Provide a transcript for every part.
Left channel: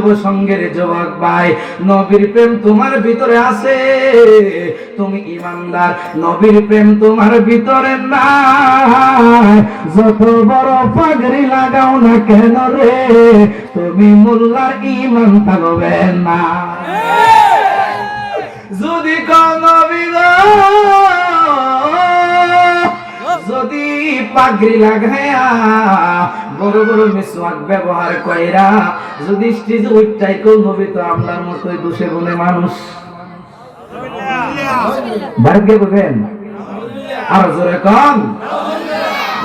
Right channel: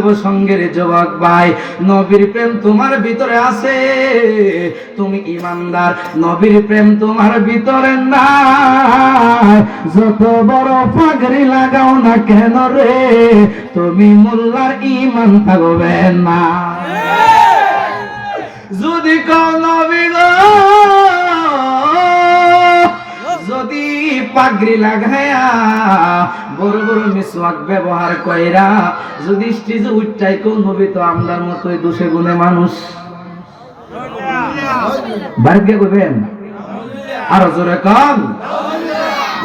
যুব সঙ্গের যুবক ভাই, নবীর প্রেম তোমার ভিতরে আছে, তুমি ঈমানদার, নবীর প্রেম তোমার ভিতরে নাই, যত বড় পাগড়ি লাগাও না কেন রে, তুমি মোল্লার ঈমান থাকবে না। যদি কোন নবী গো, যদি পাগড়ি লাগায়া বড় বড় মিসওয়াক ব্যবহার কইরা যদি স্টেজে উঠাই কোন নবী তো আমরার মতোই দোষে গুণে মানুষ, ভাগ্য করবেন আরো জোরে কম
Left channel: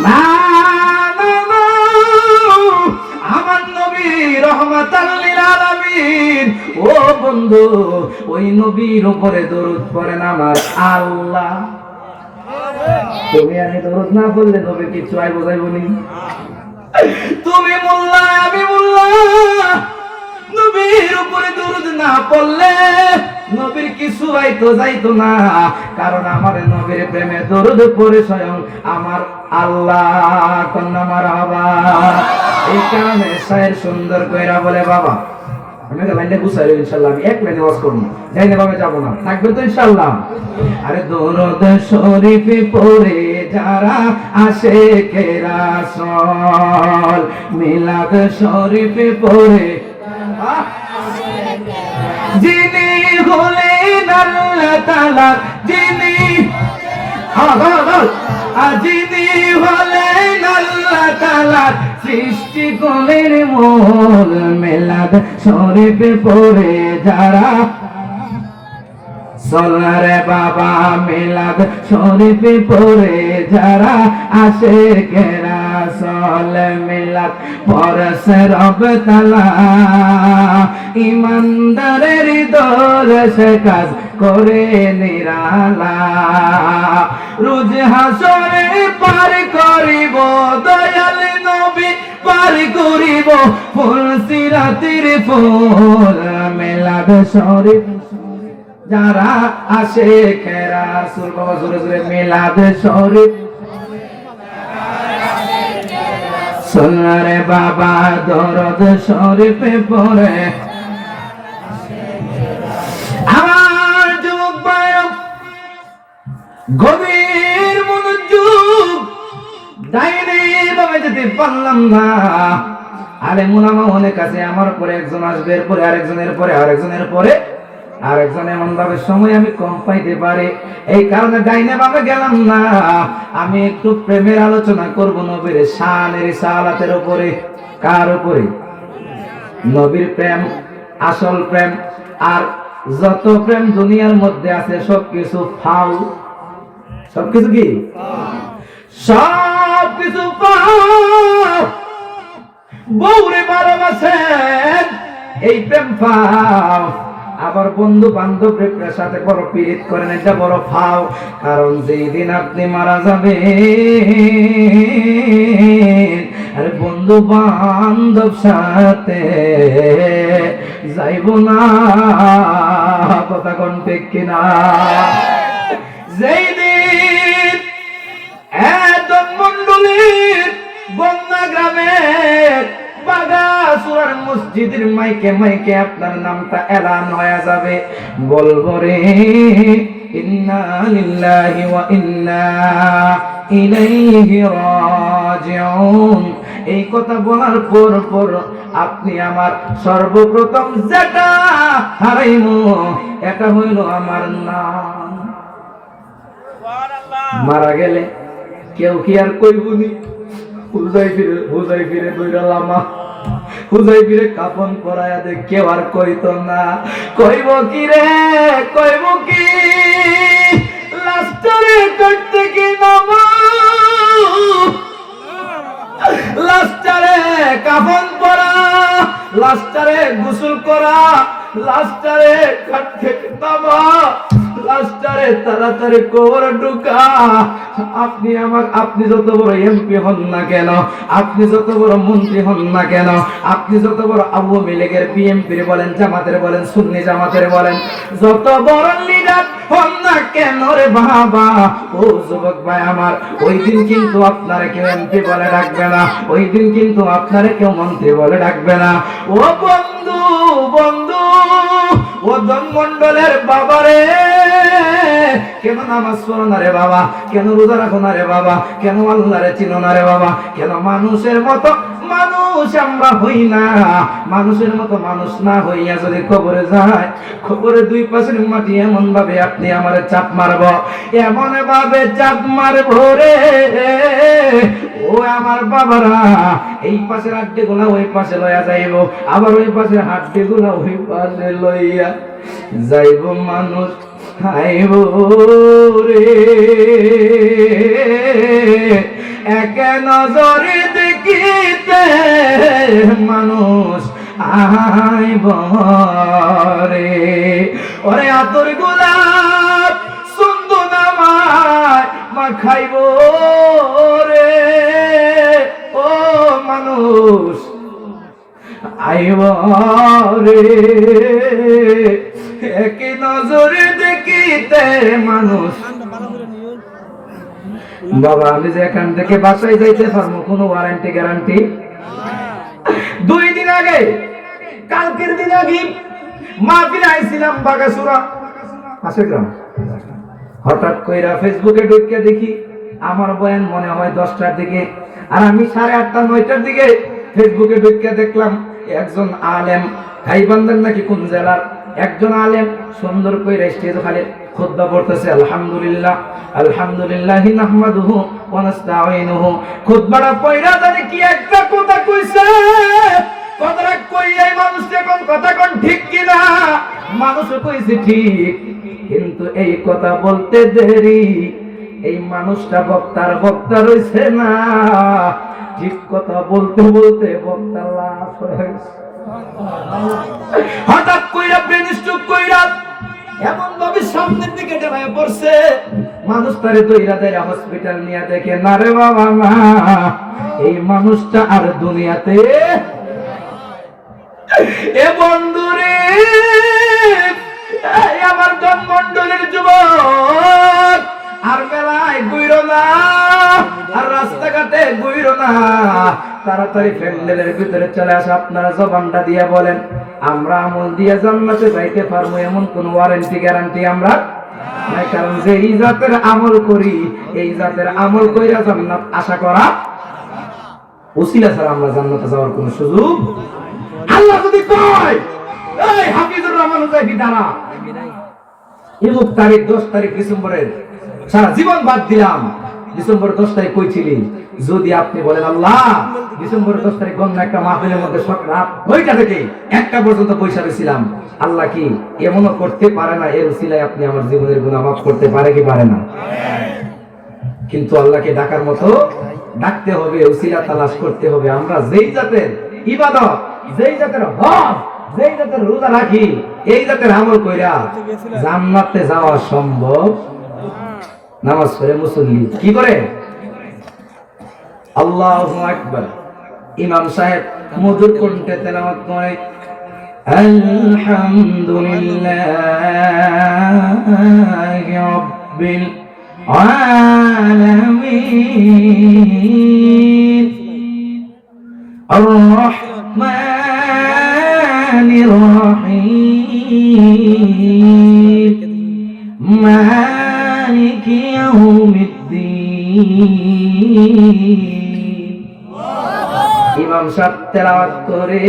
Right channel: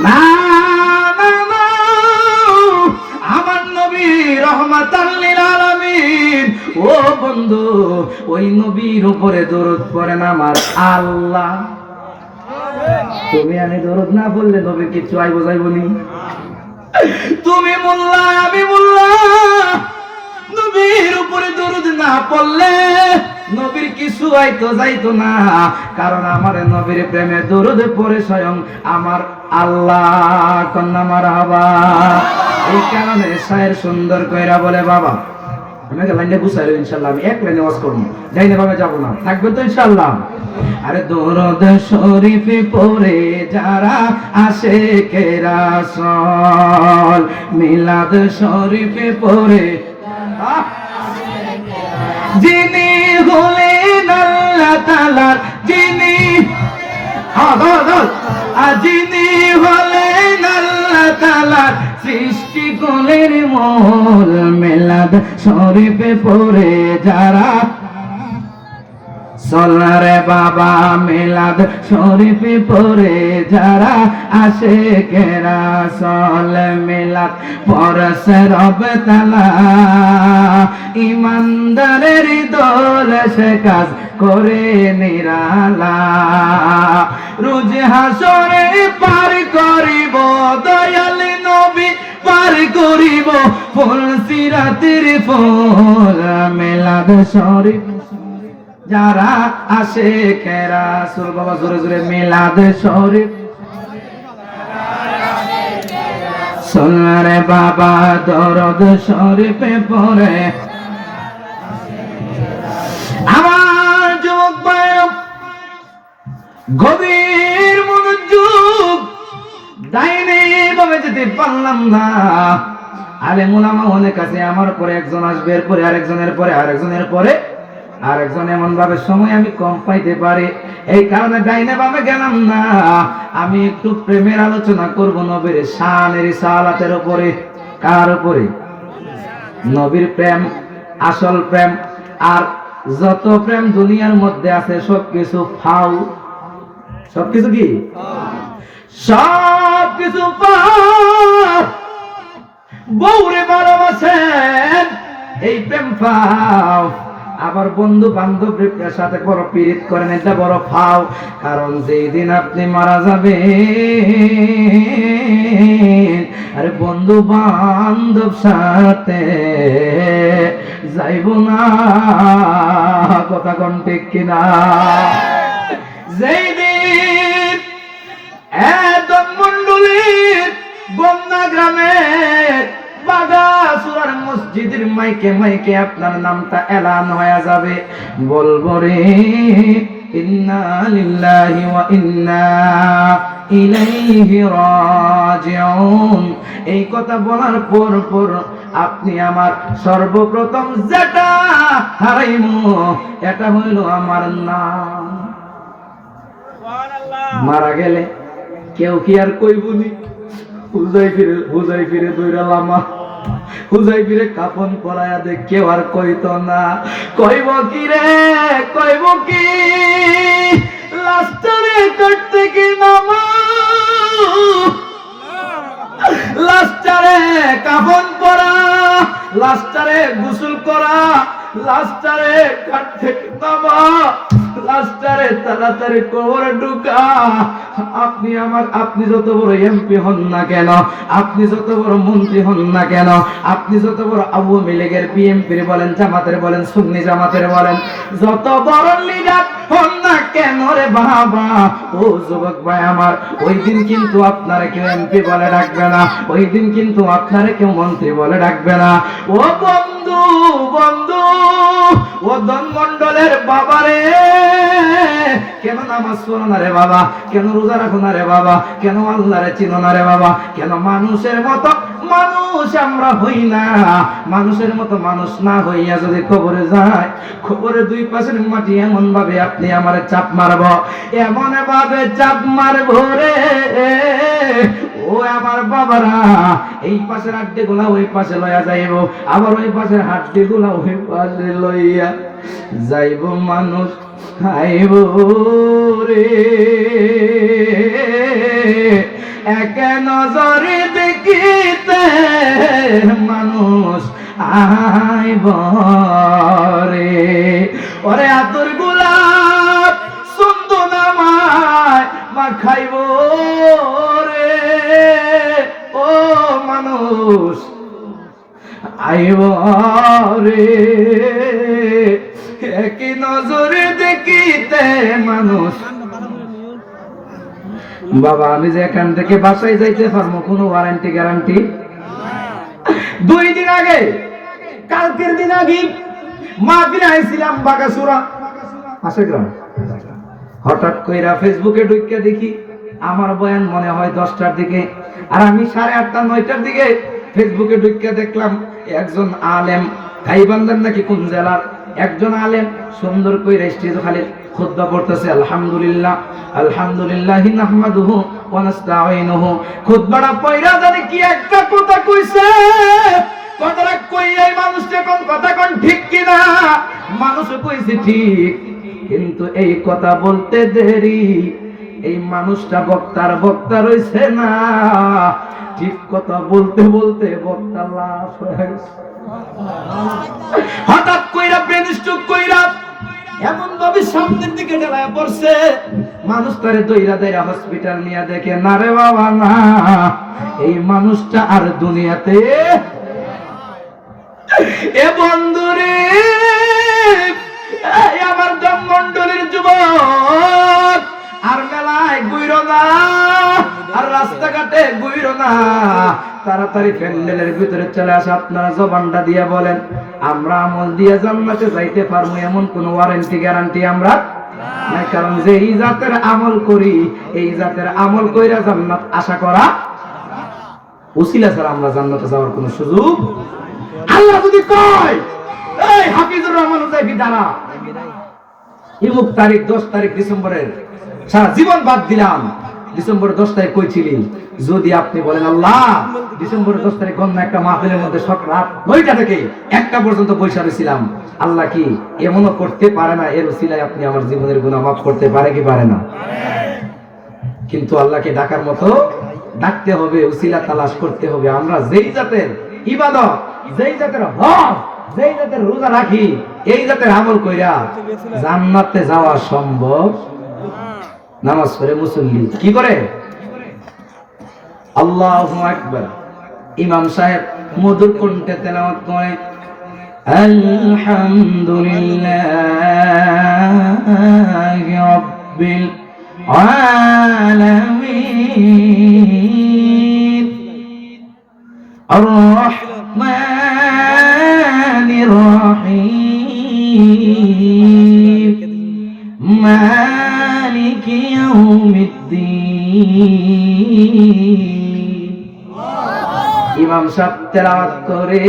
না। আমার নবী রহমাতাল লিল আলামিন, ও বন্ধু ওই নবীর উপরে দরুদ পড়েন আমার আল্লাহ। তুমি আমি দরুদ না বললে নবীর কিছু আইবো যাইবো নি? তুমি মোল্লা আমি মোল্লা, নবীর উপরে দরুদ না পড়লে নবীর কিছু আইতো যাইতো না, কারণ আমার নবীর প্রেমে দরুদ পড়ে স্বয়ং আমার আল্লাহ। কন্যা মারহাবা। এই কারণে শায়ের সুন্দর কইরা বলে, বাবা আমাকে লাইনে গুছাইলো ইনশাআল্লাহ, আমি এক লাইনে ওয়াজ করব, যাইনে ভাবে যাব না, থাকবে তো ইনশাআল্লাহ। আরে দরুদ শরীফ পড়ে যারা আশিকে রাসূল, মিলাদ শরীফ পড়ে যিনি হলেন আল্লাহ তাআলার, যিনি যিনি হলেন আল্লাহ তাআলার সৃষ্টি কুলের মূল, মিলাদ শরীফ পড়ে যারা সোনারে বাবা, মিলাদ শরীফ পড়ে যারা আশিকে রাসূল, মিলাদ পড়ছে রব তাআলা ইমানদারের দল, সে কাজ করে নিরালা, রোজ হাসরে পার করিব দয়াল নবী, পার করিব ফুল সিরাতের ফুল, মিলাদ শরীফ যারা আশিকে রাসূল, বাবা জোরে জোরে মিলাদ শরীফ সোনারে বাবা, দরুদ শরীফ পড়ে আমার যুবক ভাই, গভীর মনোযোগ, ডাইনে বামে যেতে পারলাম না। আলেম উলামা অনেক আছে, আমার পরে একজন আসবে, এরপরে আরেকজনের পরে আরেকজনের পরে আরেকজন, এমন ভাবে সময় আমি কম পাইতে পারি, এই কারণে ডাইনে বামে গেলাম না। আমি একটু প্রেমের আলোচনা করব নবীর শানের রিসালাতের উপরে। কার উপরে? নবীর প্রেম, আসল প্রেম। আর যত প্রেম দুনিয়ার মধ্যে আছে সবকিছু ফাউল, সবকিছু কি সবকিছু ফাউল। বউরে ভালোবাসেন, এই প্রেম ফাউল। আবার বন্ধু বান্ধবের সাথে বড় পীড়িত করেন, এটা বড় ফাও। কারণ যেই দিন আপনি মারা যাবেন, আরে বন্ধু বান্ধব সাথে যাইব না, কথা কোন ঠিক কিনা? যেই দিন একদম মন্ডলীর বন্যা গ্রামের বাগাসুরার মসজিদের মাইকে মাইকে আপনার নামটা এলান হয়ে যাবে, বলবো রে ইন্না লিল্লাহি ওয়া ইন্না ইলাইহি রাজিউন। এই কথা বলার পর আপনি আমার সর্বপ্রথম যেটা হারাইমু, এটা হইল আমার নাম। মারা গেলে কেউ কি আর কইবুনি হুজাই ফিরে দইরা লামা, হুজাই ফিরে কাপন পরায়া দে, কেউ আর কইতো না। কইব কি রে, কইব কি লাস্টারে করতে কি নামা, লাস্টারে কাপন পরা, লাস্টারে গোসল করা, লাস্টারে কাট থেকে নামা, লাস্টারে তাড়াতাড়ি কবর ঢুকা। আপনি যত বড় এমপি হন না কেন, আপনি যত বড় মন্ত্রী হন না কেন, আপনি যত বড় আওয়ামী লীগের বিএনপির বলেন, জামাতের বলেন, সুন্নি জামাতের বলেন, যত বড় লিডার হন না কেন, কেন রে বাবা? ও যুবক ভাই আমার, ওই দিন কিন্তু আপনারে কেউ এমপি বলে ডাকবে না, ওই দিন কিন্তু আপনারে কেউ মন্ত্রী বলে ডাকবে না। ও বন্ধু, বন্ধু, ও ধনমণ্ডলের বাবা রে, কেন নামাজ পড়ো না রে বাবা? কেন রোজা রাখো না রে বাবা? কেন আল্লাহরে চিনো না রে বাবা? কেন মানুষের মতো মানুষ আমরা হই না? মানুষের মতো মানুষ না হইয়া যদি কবরে যায়, কবরে দুই পাশের মাটি এমন ভাবে আপনি আমারে চাপ মারব, এমন ভাবে চাপ মারব রে, ও আমার বাবারা, এই পাশের হাড্ডি গুলা ওই পাশে লইয়া যাইব, আবার ওই পাশের হাড্ডি গুলা ওই পাশে লইয়া যাইব, মানুষ খাইব রে। এক নজরে দেখিতে মানুষ আইব রে। ওরে আতর গোলাপ সুন্দর নামায় মা খাইব রে, ও মানুষ আইব রে। এক নজরে দেখিতে মানুষ। বাবা, আমি যে এখান থেকে বাসায় যাইতে পারবো কোনো ওয়ারেন্টি গ্যারান্টি? 2 দিন আগে, কালকের দিন আগে মাহফিলে আইছিলাম বাগাসুরা আশেগ্রাম। হঠাৎ কইরা ফেসবুকে ঢুকে দেখি আমার বয়ান মনে হয় 10টার দিকে, আর আমি 8:30 9টার দিকে ফেসবুকে ঢুকে দেখলাম একজন আলেম, গাইবান্ধার নাকি কোন জেলার একজন আলেম, সুন্দর কইরা স্টেজে খালি খুতবা পড়তেছে, আলহামদুলিল্লাহ আলহামদুলিল্লাহি নাহমাদুহু ওয়া নাস্তাঈনুহু। খুতবাটা পড়া জানি কি একটা কথা কইছে, কথাটা কই এই মানুষটা কোন কথা কোন ঠিক কিনা? মানুষ কইছে ঠিক, কিন্তু এই কথা বলতে দেরি, এই মানুষটা বক্তা রইছে না, ঠিক কথা বলতে বলতে বক্তা লাশ হয়ে গেছে। হঠাৎ কইরা ব্রেন স্ট্রোক কইরা এমন ভাবে সামনের দিকে ঢালায় পড়ছে, মানুষ তারে দইরা দইরা হসপিটাল নিয়ে দেখে, না রে বাবা না, এই মানুষটা আর দুনিয়াতে। এ বন্ধু রে, আমার ধনমণ্ডলের যুবক, আর মেলায় গুইরো না, আর রাস্তাঘাটে গুইরো না, তাড়াতাড়ি প্যান্ডেলের ভিতরে চলে আসে। আপনারা জবানটা দিয়ে বলেন, আমরা আমল দিয়ে জান্নাতে যাইতে পারবো এমন কোন ওয়ারেন্টি গ্যারান্টি আমরা নাই, কারণ যে এই জাতের আমল করি, এই জাতের আমল কইরা জান্নাত আশা করা উসিলা ছাড়া আমরা জান্নাতে যাওয়ার কোন সুযোগ। আল্লাহ যদি কয়, এই হাফিজুর রহমান হুজাইফি দ্বারা ইমুক তারিখ 10 তারিখ ডিসেম্বরের সারা জীবন বাদ দিলাম, ডিসেম্বর 10 তারিখ কই ছিলি? যদি আপনি বলেন আল্লাহ ডিসেম্বর 10 তারিখ গন্ধ একটা মাহফিলের মধ্যে সকাল 9টা থেকে 1টা পর্যন্ত পয়সা ছিলাম, আল্লাহ কি এমনও করতে পারে না? এর উসিলায় আপনি আমার জীবনের গুনাহ মাফ করতে পারে কি পারে না? কিন্তু আল্লাহকে ডাকার মতো ডাকতে হবে, উসিলা তালাশ করতে হবে। আমরা যেই জাতের ইবাদত, যেই জাতের হজ, যেই জাতের রোজা রাখি, এই জাতের আমল কইরা জান্নাতে যাওয়া সম্ভব। নামাজ পড়ে মুসল্লি কি করে? আল্লাহু আকবার। ইমাম সাহেব মধুর কণ্ঠে তেলাওয়াত করে, আলহামদুলিল্লাহি রাব্বিল আলামিন আর রহমানির রহিম মালিকি ইয়াউমিদ্দিন। ইমাম সাহেব তেলাওয়াত করে,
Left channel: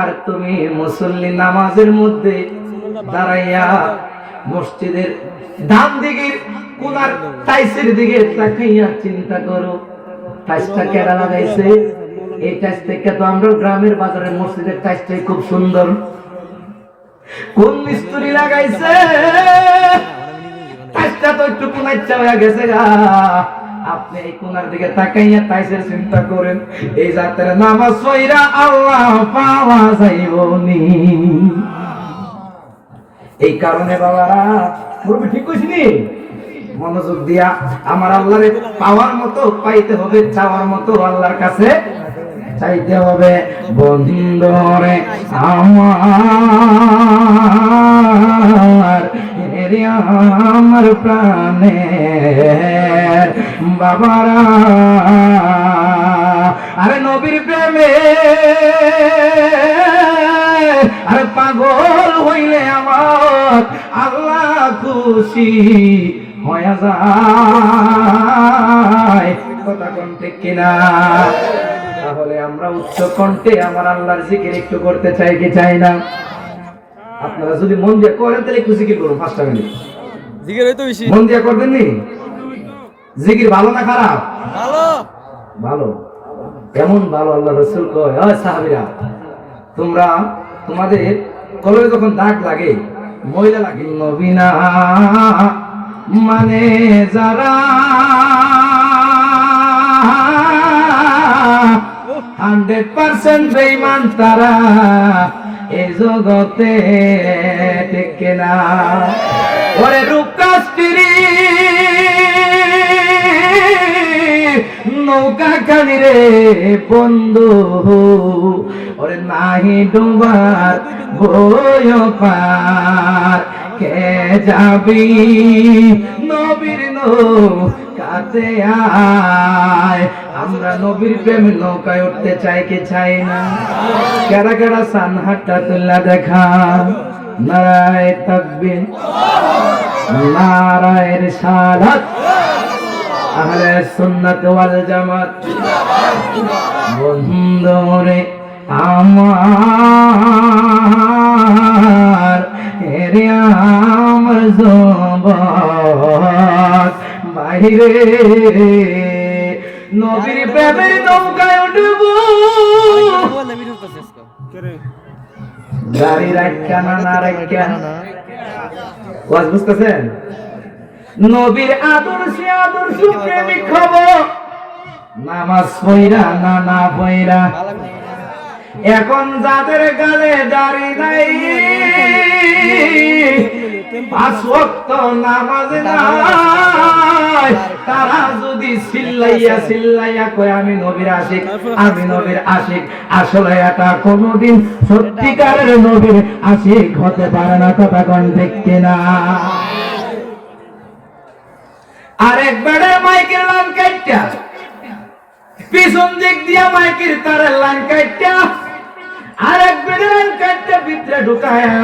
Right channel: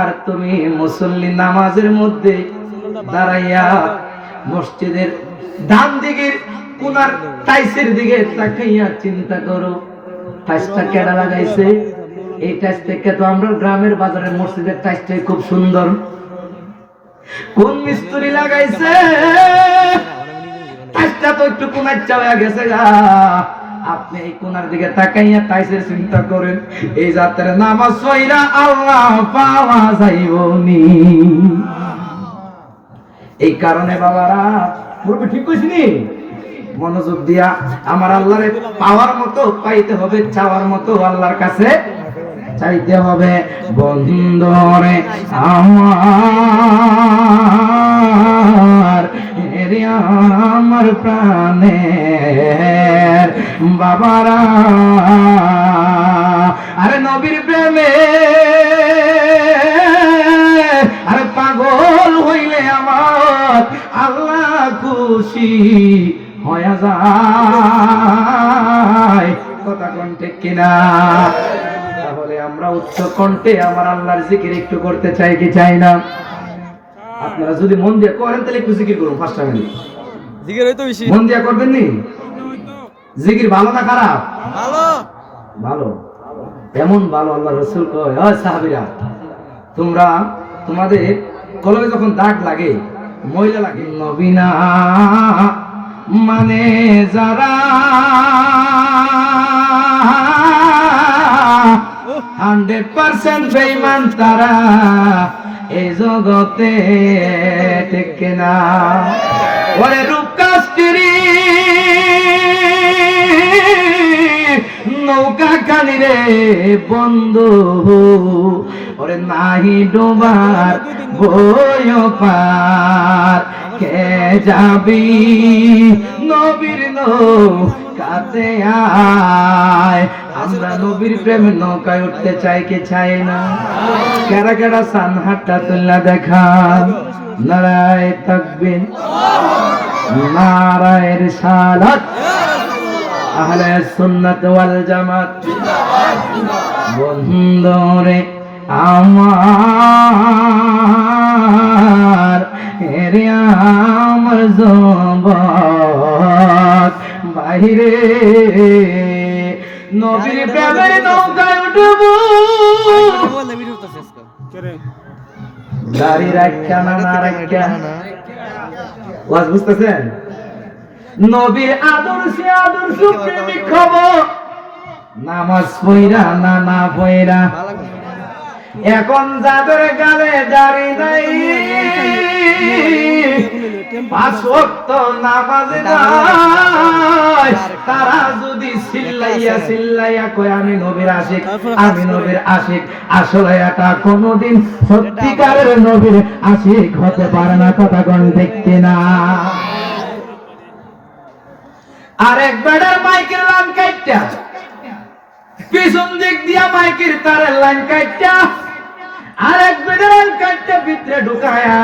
আর তুমি মুসল্লি নামাজের মধ্যে দাঁড়াইয়া মসজিদের ডান দিকের কোনার টাইসের দিকে তাকাইয়া চিন্তা করো, টাইসটা কেডা লাগাইছে? এই টাইস থেকে তো আমরা গ্রামের বাজারের মসজিদের টাইসটাই খুব সুন্দর, কোন মিস্ত্রি লাগাইছে? টাইসটা তো একটু কোনাচ্চা হয়ে গেছে। আপনি এই কোনার দিকে তাকাইয়া টাইসের চিন্তা করেন, এই জাতের নামাজ পড়া আল্লাহ পাওয়া যাইবনি। এই কারণে বাবারা, মুরব্বি ঠিক কইছিনি, মনোযোগ দিয়া আমার আল্লাহরে পাওয়ার মতো পাইতে হবে, চাওয়ার মতো আল্লাহর কাছে চাইতে হবে। বন্ধুরে আমার এরে আমার প্রাণের বাবারা, আরে নবীর প্রেমে আরে পাগল হইলে আমার আল্লাহ খুশি হয়ে যায়। কথা কোন ঠিক কিনা? তাহলে আমরা উচ্চ কণ্ঠে আমার আল্লাহর জিকির একটু করতে চাই কি চাই না? আপনারা যদি মন দিয়ে করেন তাহলে একটু জিকির করুন 5টা মিনিট। জিকির হইতো বেশি। মন দিয়ে করবেন নি? জিকির ভালো না খারাপ? ভালো। ভালো। এমন ভালো আল্লাহ রাসূল কয়, ও সাহাবীরা তোমরা তোমাদের কলবে যখন দাগ লাগে, ময়লা লাগে, নবী না মানে যারা 100% বেঈমান তারা এই জগতে টেকে না। ওরে রূপকাস্ত্রী নৌকা খানি রে বন্ধু, ওরে নাহি ডুবার বয় পার, কে যাবি নবীর নৌকাতে আয়। আমরা নবীর প্রেমে নৌকায় উঠতে চাই কি চাই না? কেডা কেডা সান হাতটা তুল্লা দেখা, নারায়ে তাকবীর, নারায়ে রিসালাত, আহলে সুন্নাত ওয়াল জামাত। বন্ধুরে আমার এরে আমার জবান বাইরে নবীর প্রেমের নৌকায় উঠব, গাড়ি রাখা না রাখা ওয়াজ বুঝতেছেন? নবীর আদর্শে আদর্শ প্রেমিক হব, নামাজ পয়রা না না পয়রা। এখন যাদের গালে দাড়ি নাই, 5 ওয়াক্ত নামাজ নাই, তারা যদি চিল্লাইয়া চিল্লাইয়া কয় আমি নবীর আশিক, আমি নবীর আশিক, আসলে এটা কোনদিন সত্যিকারের নবীর আশিক হতে পারে না। কথা কোন ঠিক কিনা? আরেক বেড়ার মাইকের লাইন কাটটা, পিছন দিক দিয়া মাইকের তারের লাইন কাটটা, আরেক বেড়ার লাইন কাটটা ভিতরে ঢুকায়া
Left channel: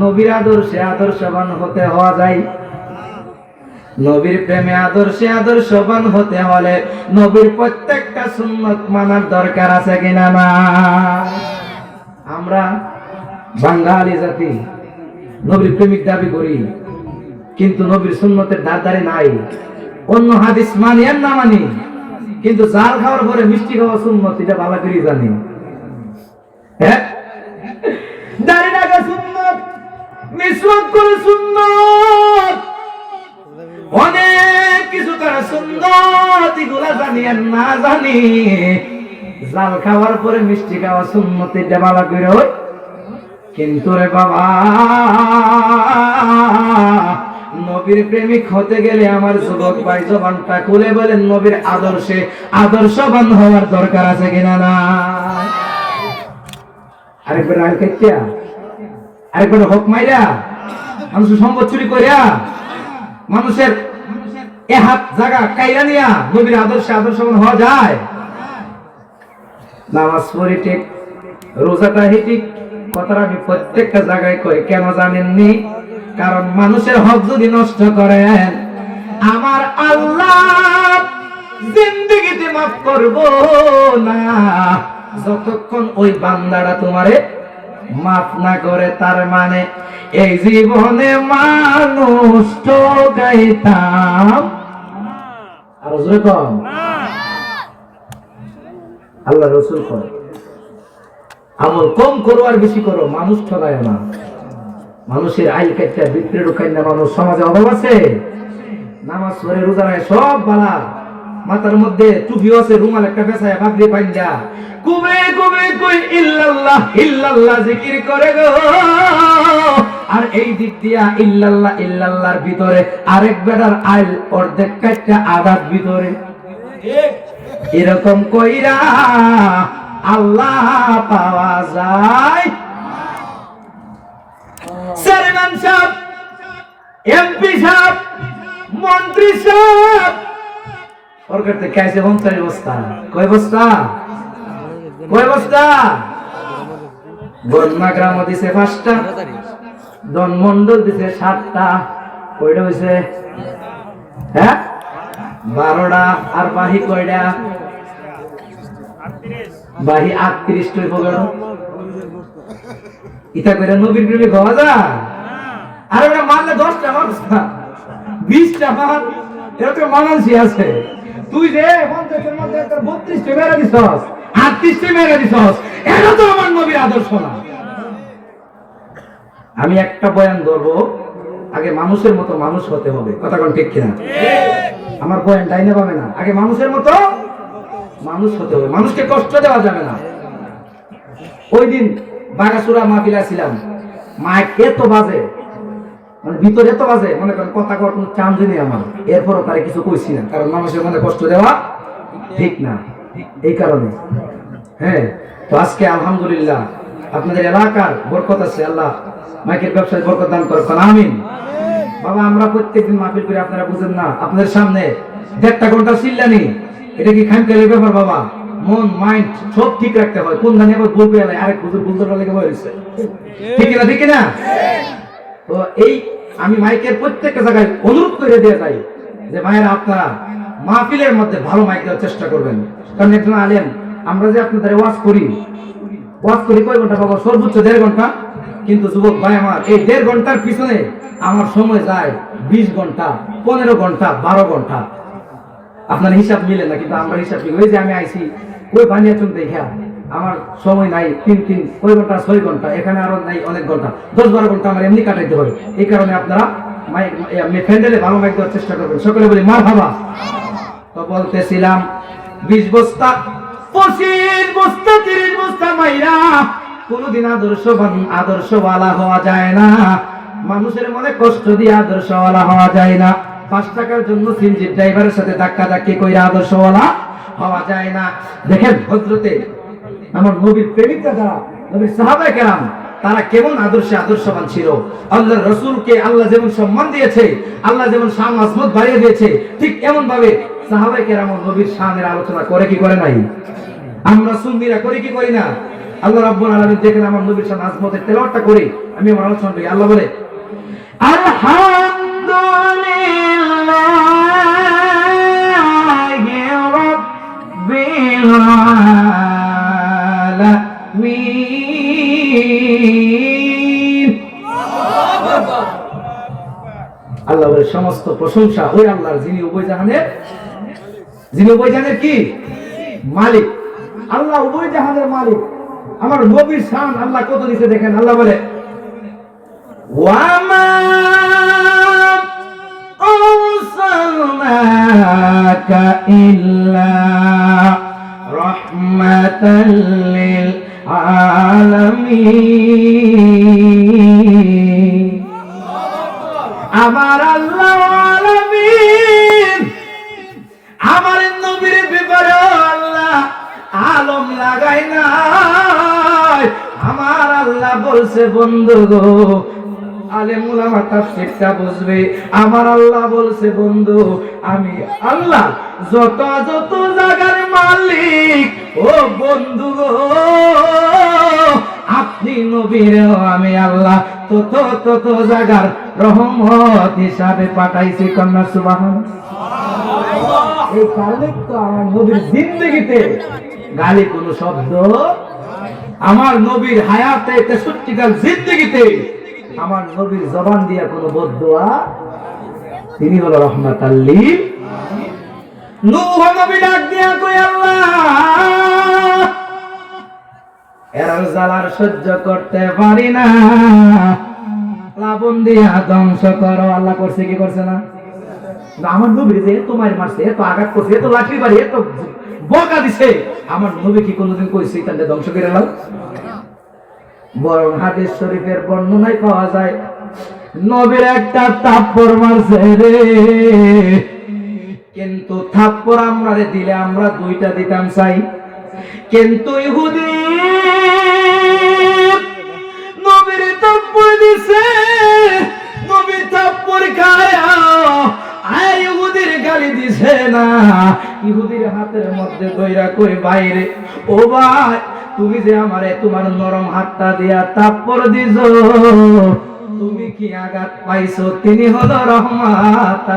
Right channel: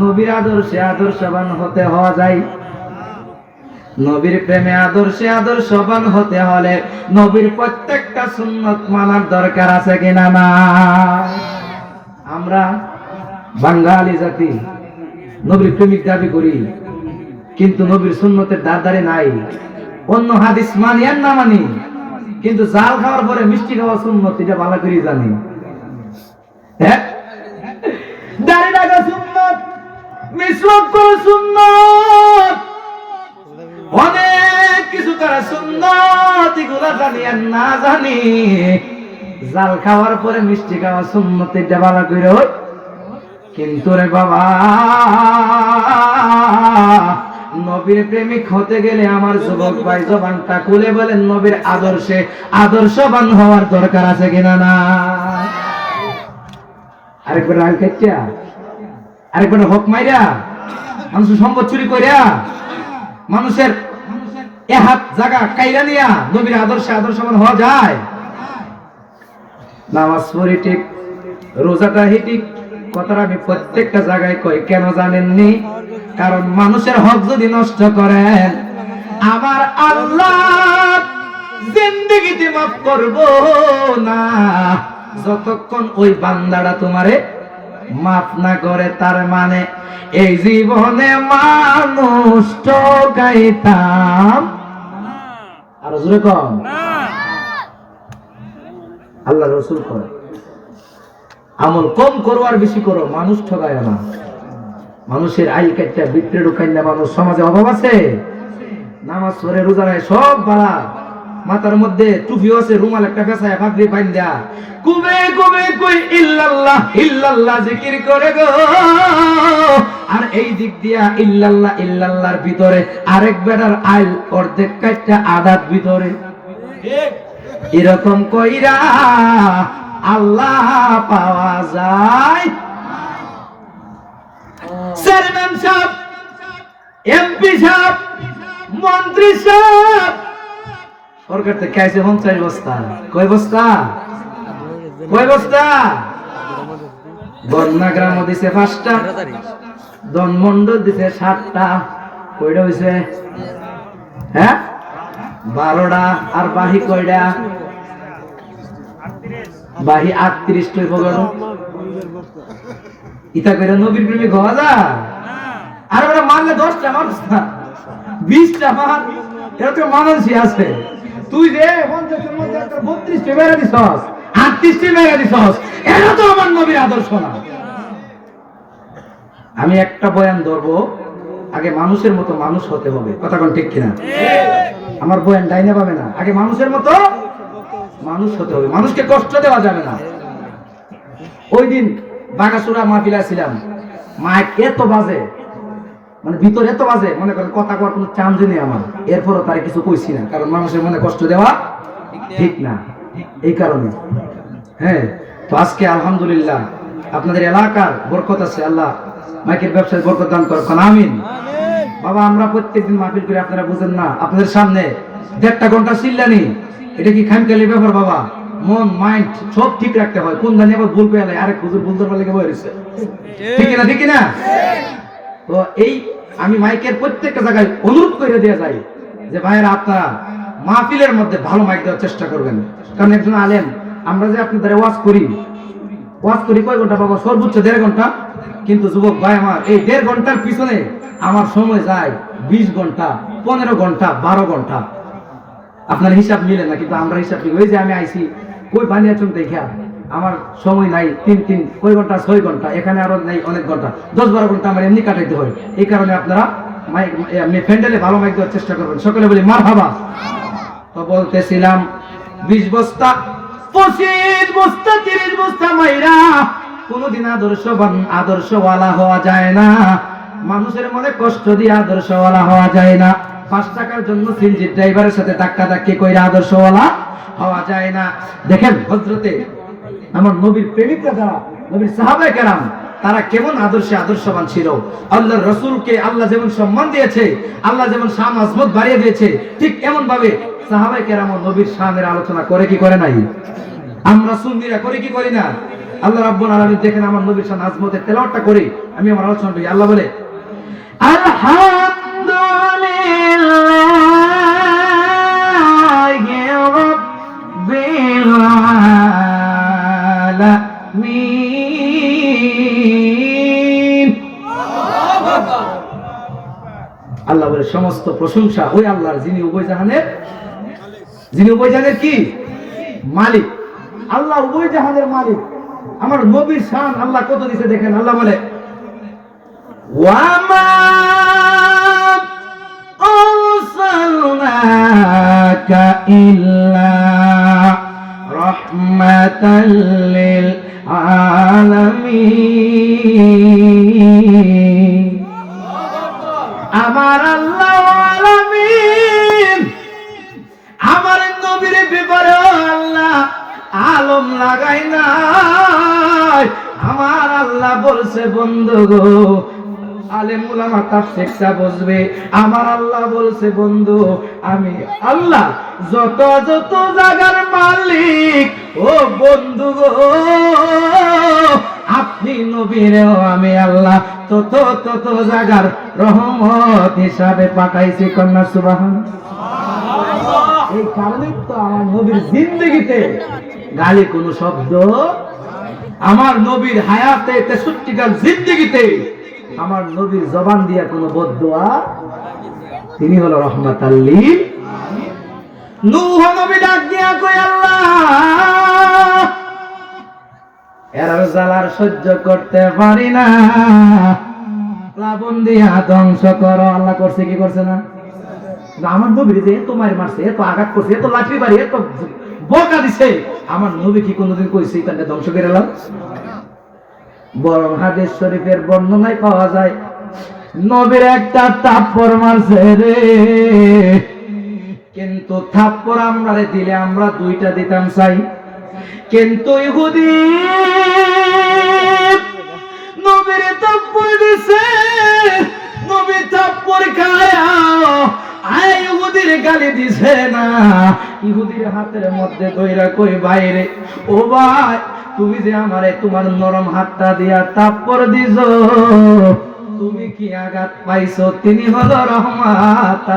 নবীর আদর্শে আদর্শবান হতে হওয়া যায়। নবীর প্রেমে আদর্শে আদর্শবান হতে হলে নবীর প্রত্যেকটা সুন্নত মানার দরকার আছে কিনা না? আমরা বাঙালি জাতি নবীর প্রেমিক দাবি করি, কিন্তু নবীর সুন্নতের ধারধারে নাই। অন্য হাদিস মানি আর না মানি, কিন্তু জাল খাওয়ার পরে মিষ্টি খাওয়া সুন্নত এটা ভালো করে জানি। হ্যাঁ, দাড়ি রাখা সুন্নত, মিসওয়াক করা সুন্নত, অনেক কিছু করা সুন্নত, এগুলা জানি আর না জানি। জাল খাওয়ার পরে মিষ্টি খাওয়া সুন্নত এটা ভালো করে, কিন্তু রে বাবা নবীর প্রেমিক হতে গেলে আমার যুবক ভাই জবানটা খুলে বলেন নবীর আদর্শে আদর্শবান হওয়ার দরকার আছে কিনা না? আরেকবার আল কাটিয়া, আরেকবার হক মাইরা, মানুষের সম্পদ চুরি করিয়া, মানুষের হাত জায়গা কাইরা নিয়া নবীর আদর্শে আদর্শবান হওয়া যায়? নামাজ পড়ি ঠিক, রোজাটা ঠিক, কথাটা আমি প্রত্যেকটা জায়গায় কই, কেন জানেননি? কারণ মানুষের হক যদি নষ্ট করেন আমার আল্লাহ জিন্দেগিতে মাফ করব না, যতক্ষণ ওই বান্দাটা তোমারে মাফ না করে। তার মানে এই জীবনে মানুষ ঠকাইতাম, আর জোরে কম আল্লাহ রাসূল কয় আমল কম করো আর বেশি করো, মানুষ ঠকায় না। মানুষের আইল কাটটা বিক্রি ঢুকাই না, মানুষ সমাজে অভাব আছে, নামাজ পড়ে রোজা নাই, সব বালা, মাথার মধ্যে টুপি আছে, রুমাল একটা পেছায় পাগড়ি পাইন্দা কুবে কুবে কই ইল্লাল্লাহ ইল্লাল্লাহ জিকির করে গো। আর এই দিক দিয়া ইল্লাল্লাহ ইল্লাল্লাহর ভিতরে আরেক বেটার আইল অর্ধেক কাটটা আদাত ভিতরে, এরকম কইরা আল্লাহ পাওয়া যায়। চেয়ারম্যান সাহেব এমপি সাহেব, মন্ত্রী সাহেব, সরকার থেকে খাইছে 50 বস্তা। কয় বস্তা? কয় বস্তা? বন্যা গ্রাম দিছে 5টা, দনমন্ডল দিছে 7টা। কয়টা হইছে? হ্যাঁ 12টা। আর বাহি কয়টা? বাহি 38টা পগড়। ইতা করে নবীর প্রেমে হওয়া যায়? আর ওরা মারলে 10টা মানুষ না, 20টা মান, এটা তো মানানসি আছে। তুই যে 50 এর মধ্যে 32টা মেরে দিছস, 38টা মেরে দিছস, এটা তো আমার নবীর আদর্শ না। আমি একটা বয়ান ধরবো, আগে মানুষের মতো মানুষ হতে হবে। কথা কোন ঠিক কিনা? আমার বয়ান ডাইনা পাবে না, আগে মানুষের মতো মানুষ হতে হবে, মানুষকে কষ্ট দেওয়া যাবে না। ওই দিন বাগাসুরা মাহফিলে ছিলাম, মাইক এত বাজে, মানে ভিতরে এত বাজে, মনে করেন কথা কর কোনো চান্স নেই আমার। এরপরও তারা কিছু কইছি না, কারণ মানুষের মনে কষ্ট দেওয়া ঠিক না, এই কারণে। হ্যাঁ, তো আজকে আলহামদুলিল্লাহ আপনাদের এলাকার বরকত আছে, আল্লাহ মাইকের ব্যবসায় বরকত দান করুন, আমিন। বাবা আমরা প্রত্যেকদিন মাহফিল করি, আপনারা বুঝেন না, আপনাদের সামনে 1.5 ঘন্টা চিল্লানি, এটা কি খামখেয়ালি ব্যাপার বাবা? মন মাইন্ড সব ঠিক রাখতে হয়, কোন জানি আবার ভুল পেয়ে আরেক হুজুর ভুল ধরবার লেগে বলেছে, ঠিক না? ঠিক না? তো এই আমি মাইকের প্রত্যেকটা জায়গায় অনুরোধ করে দিয়ে যাই যে ভাইয়েরা আপনারা মাহফিলের মধ্যে ভালো মাইক দেওয়ার চেষ্টা করবেন, কারণ একজন আলেম, আমরা যে আপনাদের ওয়াজ করি কয় ঘন্টা বাবা? সর্বোচ্চ 1.5 ঘন্টা। কিন্তু যুবক ভাই আমার, এই 1.5 ঘন্টার পিছনে আমার সময় যায় 20 ঘন্টা, 15 ঘন্টা, 12 ঘন্টা। আপনার হিসাব মিলে না, কিন্তু আমরা হিসাব করি। ওই যে আমি আইছি কই বানিয়েছেন দেখা, আমার সময় নাই, 3 কই ঘন্টা, 6 ঘন্টা, এখানে আরো নাই অনেক ঘন্টা, 10-12 ঘন্টা আমার এমনি কাটাইতে হয়। এই কারণে আপনারা মাইক ফ্যান্ডেলে ভালো মাইক দেওয়ার চেষ্টা করবেন। সকলে বলি মারহাবা। তো বলতেছিলাম 20 বস্তা, 25 বস্তা, 30 বস্তা মাইরা কোনদিন আদর্শওয়ালা হওয়া যায় না। মানুষের মনে কষ্ট দিয়ে আদর্শওয়ালা হওয়া যায় না। 5 টাকার জন্য সিনজি ড্রাইভারের সাথে ধাক্কাধাক্কি কইরা আদর্শওয়ালা হওয়া যায় না। দেখেন হযরতে আমার নবীর প্রেমিকরা যারা, নবীর সাহাবায়ে কেরাম, তারা কেমন আদর্শবান ছিল। আল্লাহর রাসূলকে আল্লাহ যেমন সম্মান দিয়েছে, আল্লাহ যেমন শান আজমত বাড়িয়ে দিয়েছে, ঠিক এমন ভাবে সাহাবায়ে কেরাম নবীর শানের আলোচনা করে কি করে নাই? আমরা সুন্নিরা করে কি করি না? আল্লাহ রাব্বুল আলামিন দেখেন আমার নবীর শান আজমতের তেলাওয়াতটা করে আমি আমার আলোচনা করি। আল্লাহ বলে আলহামদুলিল্লাহি রাব্বিল আলামিন। আল্লাহ বলে সমস্ত প্রশংসা ওই আল্লাহর, যিনি উভয় জাহানের কি মালিক। আল্লাহ উভয় জাহানের মালিক। আমার নবীর শান আল্লাহ কত দিয়েছে দেখেন। আল্লাহ বলে ওয়ামা আরসালনাকা ইল্লা রাহমাতাল লিল আলামিন। আমার আল্লাহ আলামিন আমার নবীর ব্যাপারে আল্লাহ আলম লাগাই নাই। আমার আল্লাহ বলছে বন্ধু গো, আলেম উলামা তাফসীরটা বুঝবে। আমার আল্লাহ বলছে বন্ধু, আমি আল্লাহ যত জায়গার মালিক, ও বন্ধু গো আপনি নবীরেও আমি আল্লাহ তত জায়গার রহমত হিসাবে পাঠাইছি। কন্যা সুবহানাল্লাহ। এই কারণে তো আমার নবীর জিন্দেগিতে গালি কোন শব্দ, আমার নবীর হায়াতে 63 জিন্দেগিতে আমার নবীর জবান দিয়া কোন বদদুয়া, তিনি হলো রহমাতাল লিল। নূহ নবী ডাক দিয়া কই আল্লাহ এর জ্বালার সহ্য করতে পারি না, প্লাবন দিয়া ধ্বংস করো। আল্লাহ করছে কি করছে না? আমার নবীর যে এত মার মারছে, এত আঘাত করছে, এত লাঠি বাড়ি, এত বকা দিছে, আমার নবী কি কোনোদিন কইছে তাহলে ধ্বংস করে এলাম? বরং হাদিস শরীফের বর্ণনায় পাওয়া যায় নবীর একটা থাপ্পড় মারছে রে, কিন্তু থাপ্পড় আমরা দিলে আমরা 2টা দিতাম চাই, কিন্তু ইহুদি নবীর থাপ্পড় দিছে, নবী থাপ্পড় খায়া ইহুদির গালি দিছে না, ইহুদির হাতের মধ্যে কইরা কই বাইরে, ও ভাই তুমি যে আমারে তোমার নরম হাতটা দিয়া থাপ্পড় দিছো, তুমি কি আঘাত পাইছো? তিনি হলো রহমাত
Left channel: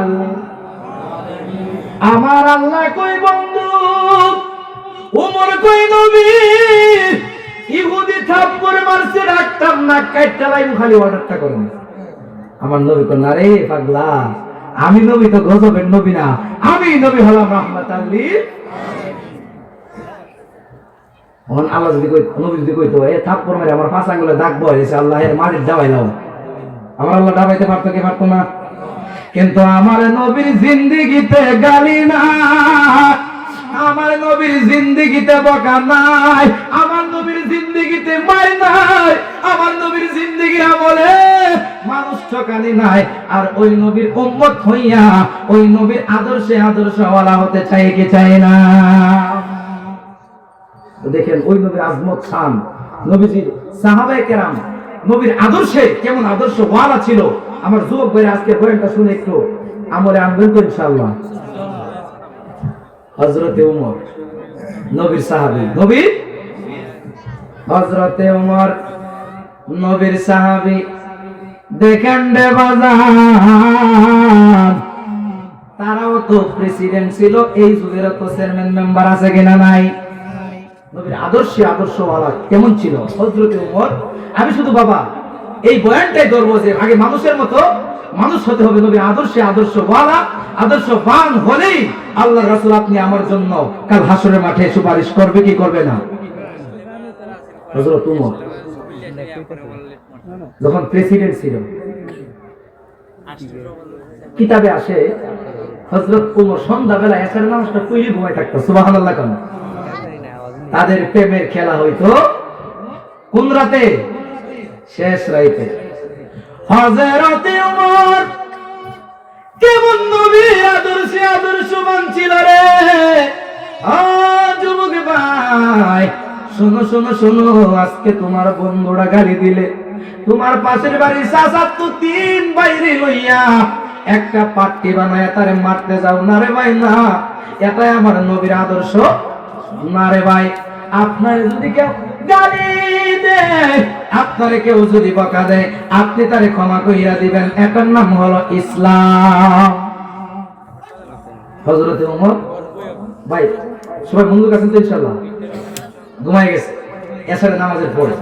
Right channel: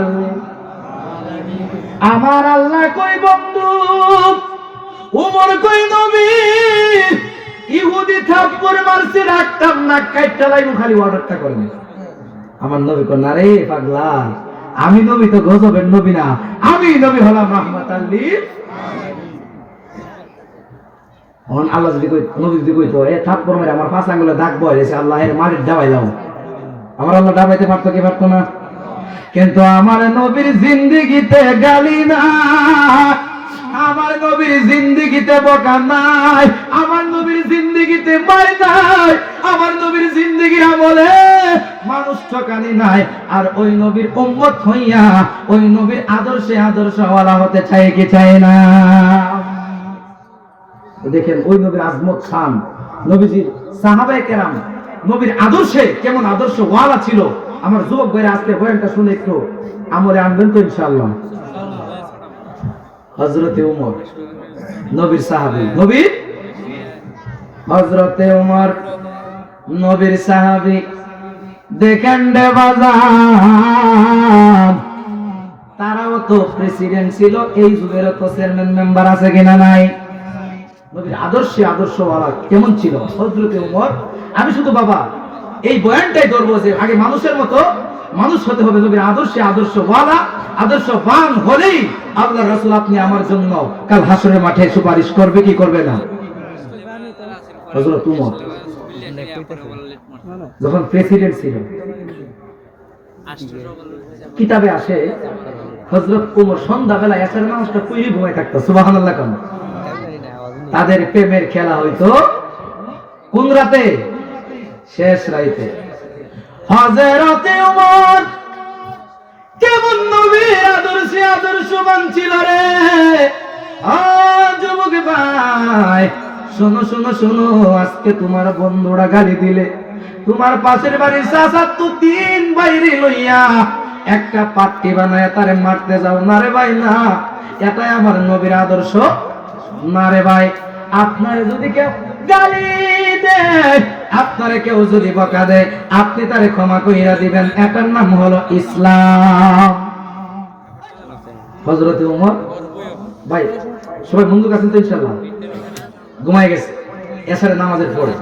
আমার আল্লাহ কই বন্ধু, ওমর কই নবী ইহুদি থাপ্পড় মারছে, রাখতাম না কাইটটা লাইবো, খালি অর্ডারটা করেন। আমার নবী কই না রে পাগলা, আমি নবী তো গজবের নবী না, আমি নবী হলাম রাহমাতাল লিল। অন আল্লাহ যদি কই, নবী যদি কইতো এ থাপ্পড় মেরে আমার পাঁচ আঙ্গুলে দাগ বয়েছে, আল্লাহের মাটির ডাবাইলাও, আমার আল্লাহ ডাবাইতে পারতো কি পারতো না? কিন্তু আমার নবীর জিন্দেগিতে গালি না, আমার নবীর জিন্দেগিতে বকা নাই, আমার নবীর জিন্দেগিতে মার নাই, আমার নবীর জিন্দেগি আমলে মানুষ ঠকানি নাই। আর ওই নবীর উম্মত হইয়া ওই নবীর আদর্শে আদর্শওয়ালা হতে চায় কি চায় না? দেখেন ওই নবীর আজমত খান, নবীজির সাহাবায়ে কেরাম নবীর আদর্শে কেমন আদর্শওয়ালা ছিল। আমার যুবক ভাইরা আজকে বয়ানটা শুনে একটু আমলে আনবেন তো ইনশাআল্লাহ। হযরতে ওমর নবীর সাহাবী, নবী হযরতে ওমর নবীর সাহাবী। দেখেন রে বাজার, তারাও তো প্রেসিডেন্ট ছিল, এই যুগের তো চেয়ারম্যান মেম্বার আছে কিনা নাই? নবীর আদর্শে আদর্শওয়ালা কেমন ছিল হযরতে ওমর। আমি শুধু বাবা এই বয়ানটাই ধরবো যে আগে মানুষের মতো মানুষ হতে হবে, নবীর আদর্শে আদর্শওয়ালা আদর্শবান হলেই আল্লাহ রাসূল আপনি আমার জন্য কাল হাসরের মাঠে সুপারিশ করবে কি করবে না? হযরত ওমর যখন প্রেসিডেন্ট ছিল, কিতাবে আসে হযরত ওমর সন্ধ্যাবেলা এসার নামাজটা পড়ে ঘুমায় থাকতো, সুবহানাল্লাহ। কোন তাদের প্রেমের খেলা হইতো কোন রাতে? শেষ রাতে। হযরতে ওমর কেমন নবীর আদর্শে আদর্শবান ছিল রে। যুবক ভাই শোনো শোনো শোনো, আজকে তোমার বন্ধুরা গালি দিলে, তোমার পাশের বাড়ির চাচা তো তিন বাইরে লইয়া একটা পাট্টি বানায় তারে মারতে যাও না রে ভাই, না, এটাই আমার নবীর আদর্শ না রে ভাই। আপনার যদি কেউ গালি দেয়, আপনারে কেউ যদি বকা দেয়, আপনি তারে ক্ষমা কইরা দিবেন, এটার নাম হলো ইসলাম। হযরতে ওমর ভাই সবাই বন্ধুর কাছে তো ইনশাআল্লাহ ঘুমাই গেছে এসারে নামাজের পরে,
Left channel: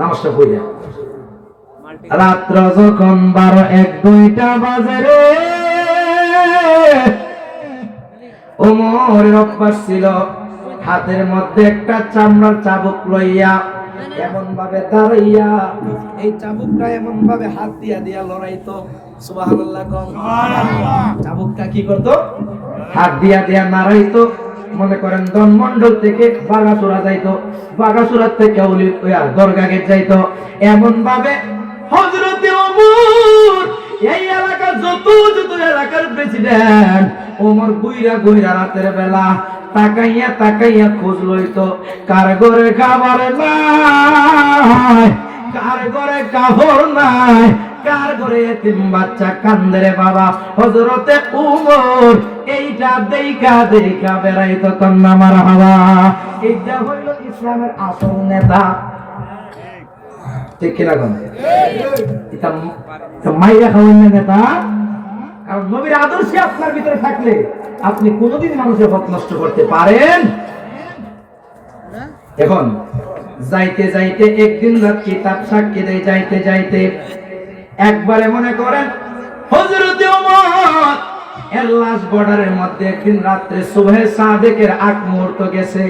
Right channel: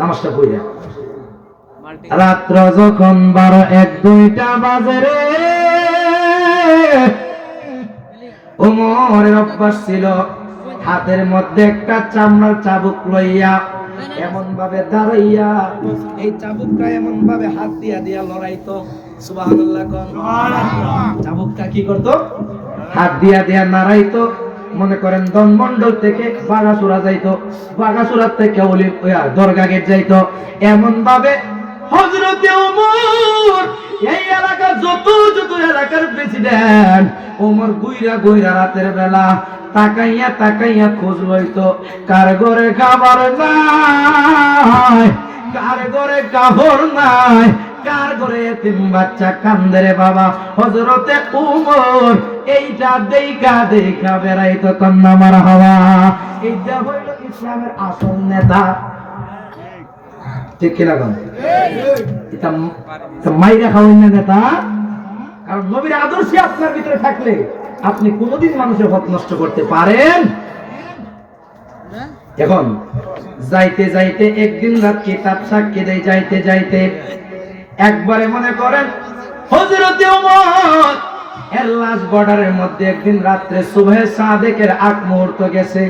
নামাজটা পড়ে রাত্র যখন 12-1-2টা বাজে রে, ওমরের অভ্যাস ছিল হাতের মধ্যে একটা চামড়ার চাবুক লইয়া এমন ভাবে দাঁড়াইয়া, এই চাবুকটা এমন ভাবে হাত দিয়া দিয়া লড়াইতো, সুবহানাল্লাহ। কোন চাবুকটা কি করতো? হাত দিয়া দিয়া নাড়াইতো। মনে করেন দনমন্ডল থেকে বাগাসুরা যাইতো, বাগাসুরার থেকে দরগা গেট যাইতো, এমন ভাবে হযরতে ওমর এই এলাকার যত যত এলাকার প্রেসিডেন্ট ওমর গুইরা গুইরা রাতের বেলা তাকাইয়া তাকাইয়া খোঁজ লইতো, কার ঘরে খাবার নাই, কার ঘরে কাপড় নাই, কার ঘরে এতিম বাচ্চা কান্দে রে বাবা। হযরতে ওমর এইটা দেখা দেখা বেড়াইতো, কন্যা মারহাবা। এইটা হইল ইসলামের আসল নেতা, ঠিক কিনা? কোন এটা মাইরা খাওয়ান নেতা। কারণ নবীর আদর্শে আপনার ভিতরে থাকলে আপনি কোনদিন মানুষের হক নষ্ট করতে পারেন। এখন যাইতে যাইতে একদিন রাত কিতাব সাক্ষী দেয়, যাইতে যাইতে একবারে মনে করেন হযরতে ওমর এর লাশ বর্ডারের মধ্যে একদিন রাত্রে সুবহে সাদেকের আগ মুহূর্ত গেছে।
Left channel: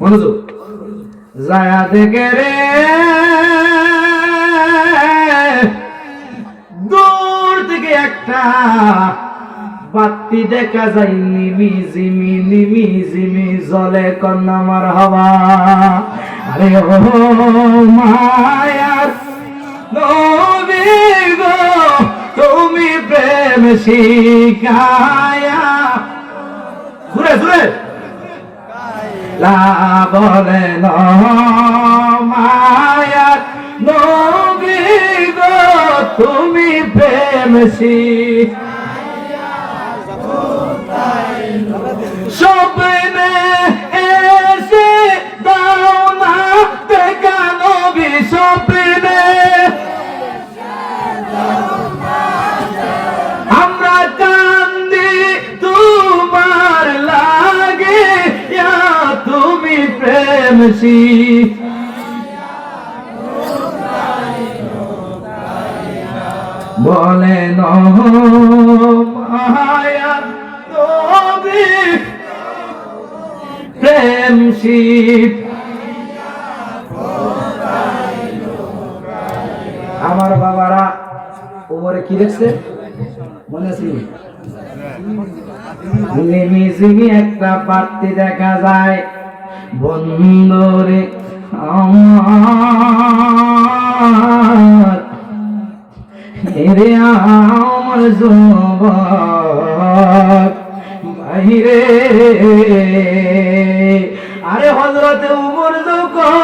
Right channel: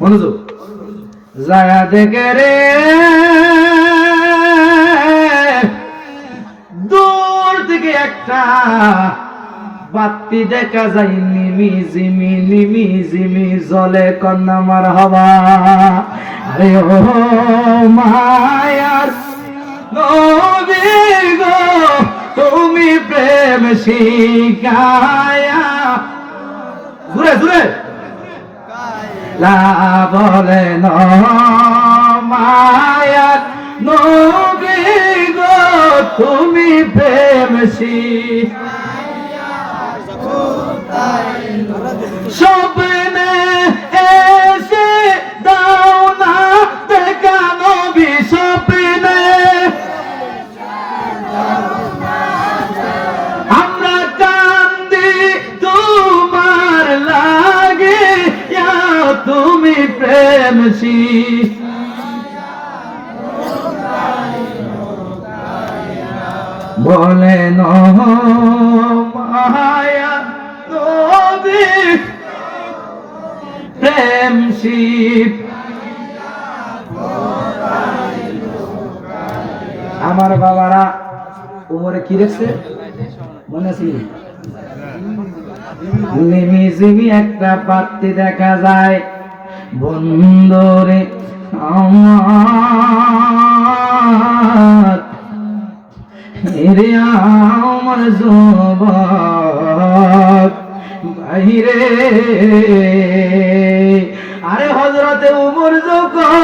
মনোযোগ, যায়া দেখে রে দূর থেকে একটা বাতি দেখা যায়, নিমি জিমি নিমি জিমি জলে, কন্যা মারহাবা। আরে ও মায়ার নবী গো, তুমি প্রেম শিখায়া, ঘুরে ঘুরে লা বলে ন মায়ার নবী গো তুমি প্রেমসী স্বপ্নে এসে দাও না দেখা নবী স্বপ্নে আমরা কান্দি তোমার লাগে তুমি প্রেমসী বলে মায়া নবী প্রেমসী আমার বাবারা ওমরে কি দেখছে মনে আছে নিমিজিমি একটা পাত্তি দেখা যায় বন্ধরে আমার এরে আমার যুবক বাইরে আরে হযরতে ওমর যখন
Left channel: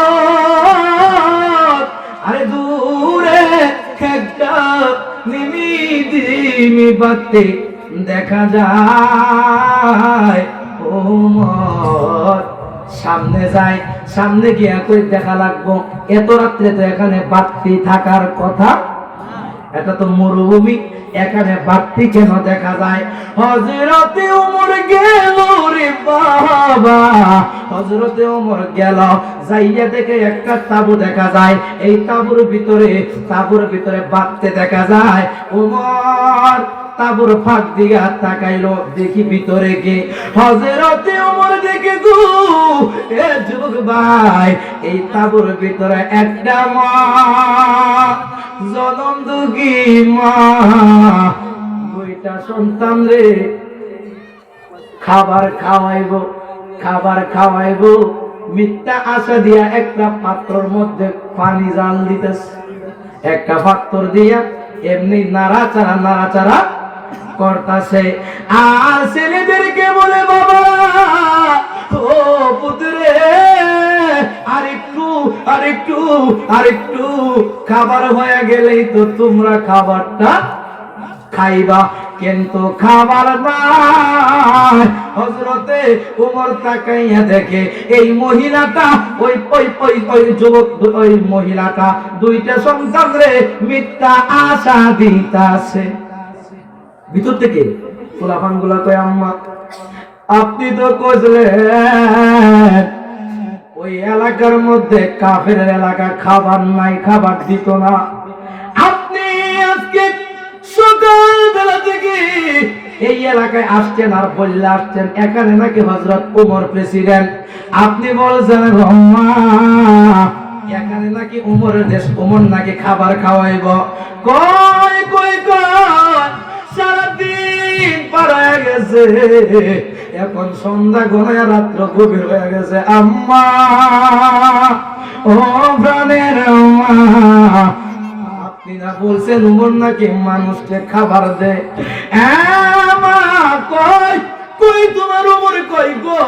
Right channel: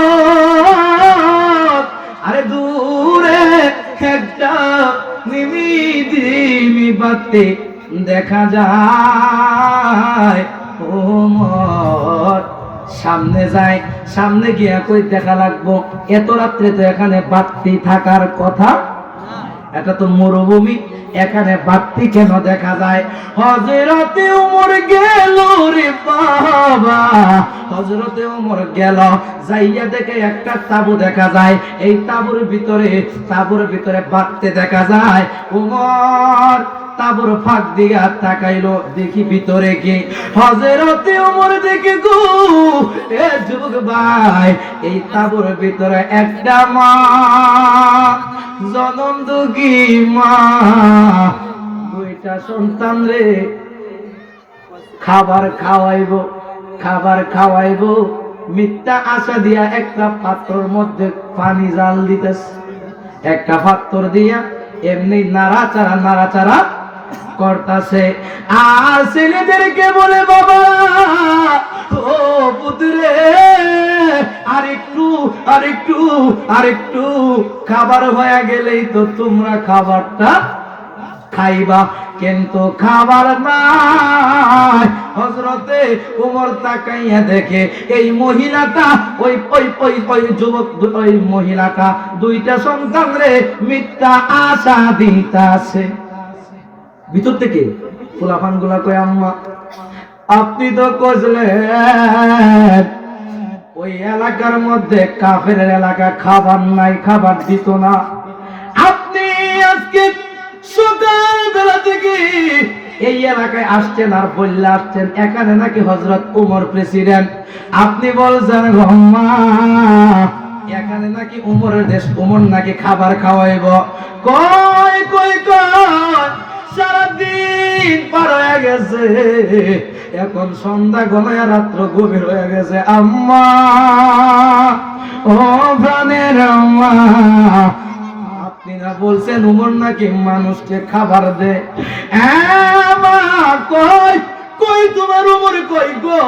আরে দূরে একটা নিমিজিমি পাত্তি দেখা যায় ওমর সামনে যায় সামনে গিয়ে কই দেখা লাগবো এত রাত্রে তো এখানে বাতি থাকার কথা এটা তো মরুভূমি এখানে বাতি কেন দেখা যায় হযরতে ওমর গেল রে বাবা হযরতে ওমর গেল যাইয়া দেখে একটা তাঁবু দেখা যায় এই তাঁবুর ভিতরে বাতি দেখা যায় ওমর তাঁবুর ফাঁক দিয়া তাকাইলো দেখি ভিতরে কে হযরতে ওমর দেখে গো এ যুবক ভাই এই তাঁবুর ভিতরে একটা মা জনম দুঃখী মা দুইটা সন্তান রে খাবার খাওয়াইবো মিথ্যা আশা দিয়া একটা পাত্রর মধ্যে পানি জাল দিতেছে একটা পাত্র দিয়া এমনি নাড়াচাড়া করতেছে আর ছেলেদেরকে বলে বাবা ও পুত্রে আরেকটু খাবার হয়ে গেলেই তো তোমরা খাবারটা খাইবা কিন্তু খাবার নাই হযরতে ওমর তাকাইয়া দেখে এই মহিলাটা ওই যুবক ওই মহিলাটা দুইটা সন্তান রে মিথ্যা আশা দিতাছে ভিতর থেকে ফুলাফান গুলা কয় আম্মা আপনি তো কইলেন ওই এলাকার মধ্যে কাফেরের এলাকা খাবার নাই খাবার দিত না আপনি আজকে সকাল বেলা থেকে এই এলাকায় আসছেন আর বললে আসছেন এখানে নাকি হযরত ওমর প্রেসিডেন্ট আপনি বলছেন আম্মা এখানে নাকি ওমরের দেশ ওমর নাকি খাবার খাওয়াইব কই সারাদিন পার হয়ে গেছে এখন সন্ধ্যা ঘনায় রাত্র গভীর হয়ে গেছে আম্মা ও প্রাণের আম্মা আপনি না বলছেন ওমর নাকি মানুষকে খাবার দেয় মা কই তোমার ওমর কই গো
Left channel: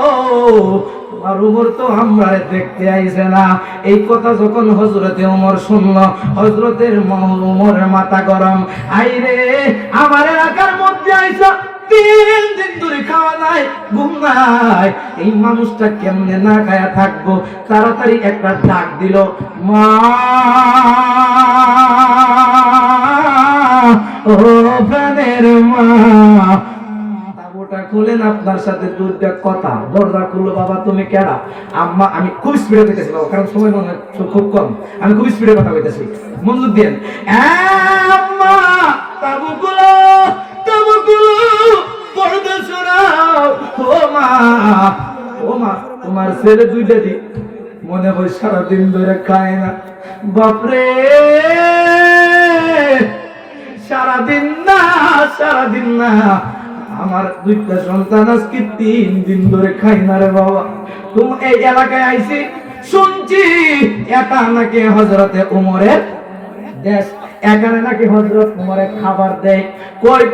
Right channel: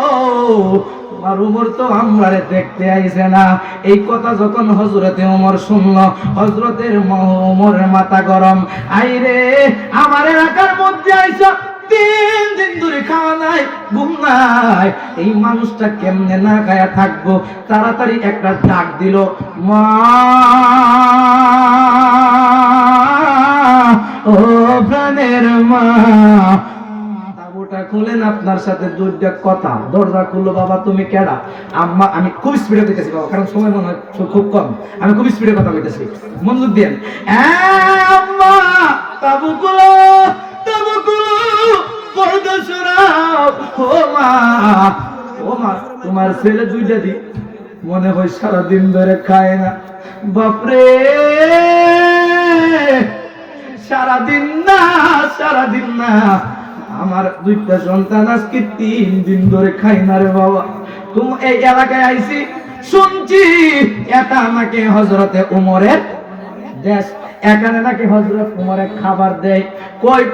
তোমার ওমর তো আমরারে দেখতে আইছে না এই কথা যখন হযরতে ওমর শুনল হযরতের ওমরের মাথা গরম আইরে আমার এলাকার মধ্যে আইসা 3 দিন ধরে খাওয়া নাই ঘুম নাই এই মানুষটা কেমনে না খায়া থাকবো তাড়াতাড়ি একটা ডাক দিল মা ও প্রাণের মা তাবুটা খুলেন আপনার সাথে দুইটা কথা দরজা খুললো বাবা তুমি কেডা আম্মা আমি খুব স্পিডে কইতেছি বাবা কারণ সময় মনে হয় খুব কম আমি খুব স্পিডে কথা কইতেছি মনোযোগ দেন আম্মা তাবু খুলো পর্দা সরাও ও মা তোমার ছেলে দুইটা দি মনে হয় সারাদিন ধরে খায় না বাপরে সারাদিন না আমার দুইটা সন্তান আজকে 3 দিন ধরে খাই না রে বাবা তুমি এই এলাকায় আইছি শুনছি এটা নাকি হযরতে ওমরের দেশ এখানে নাকি হযরত ওমরের খাবার দেয় কই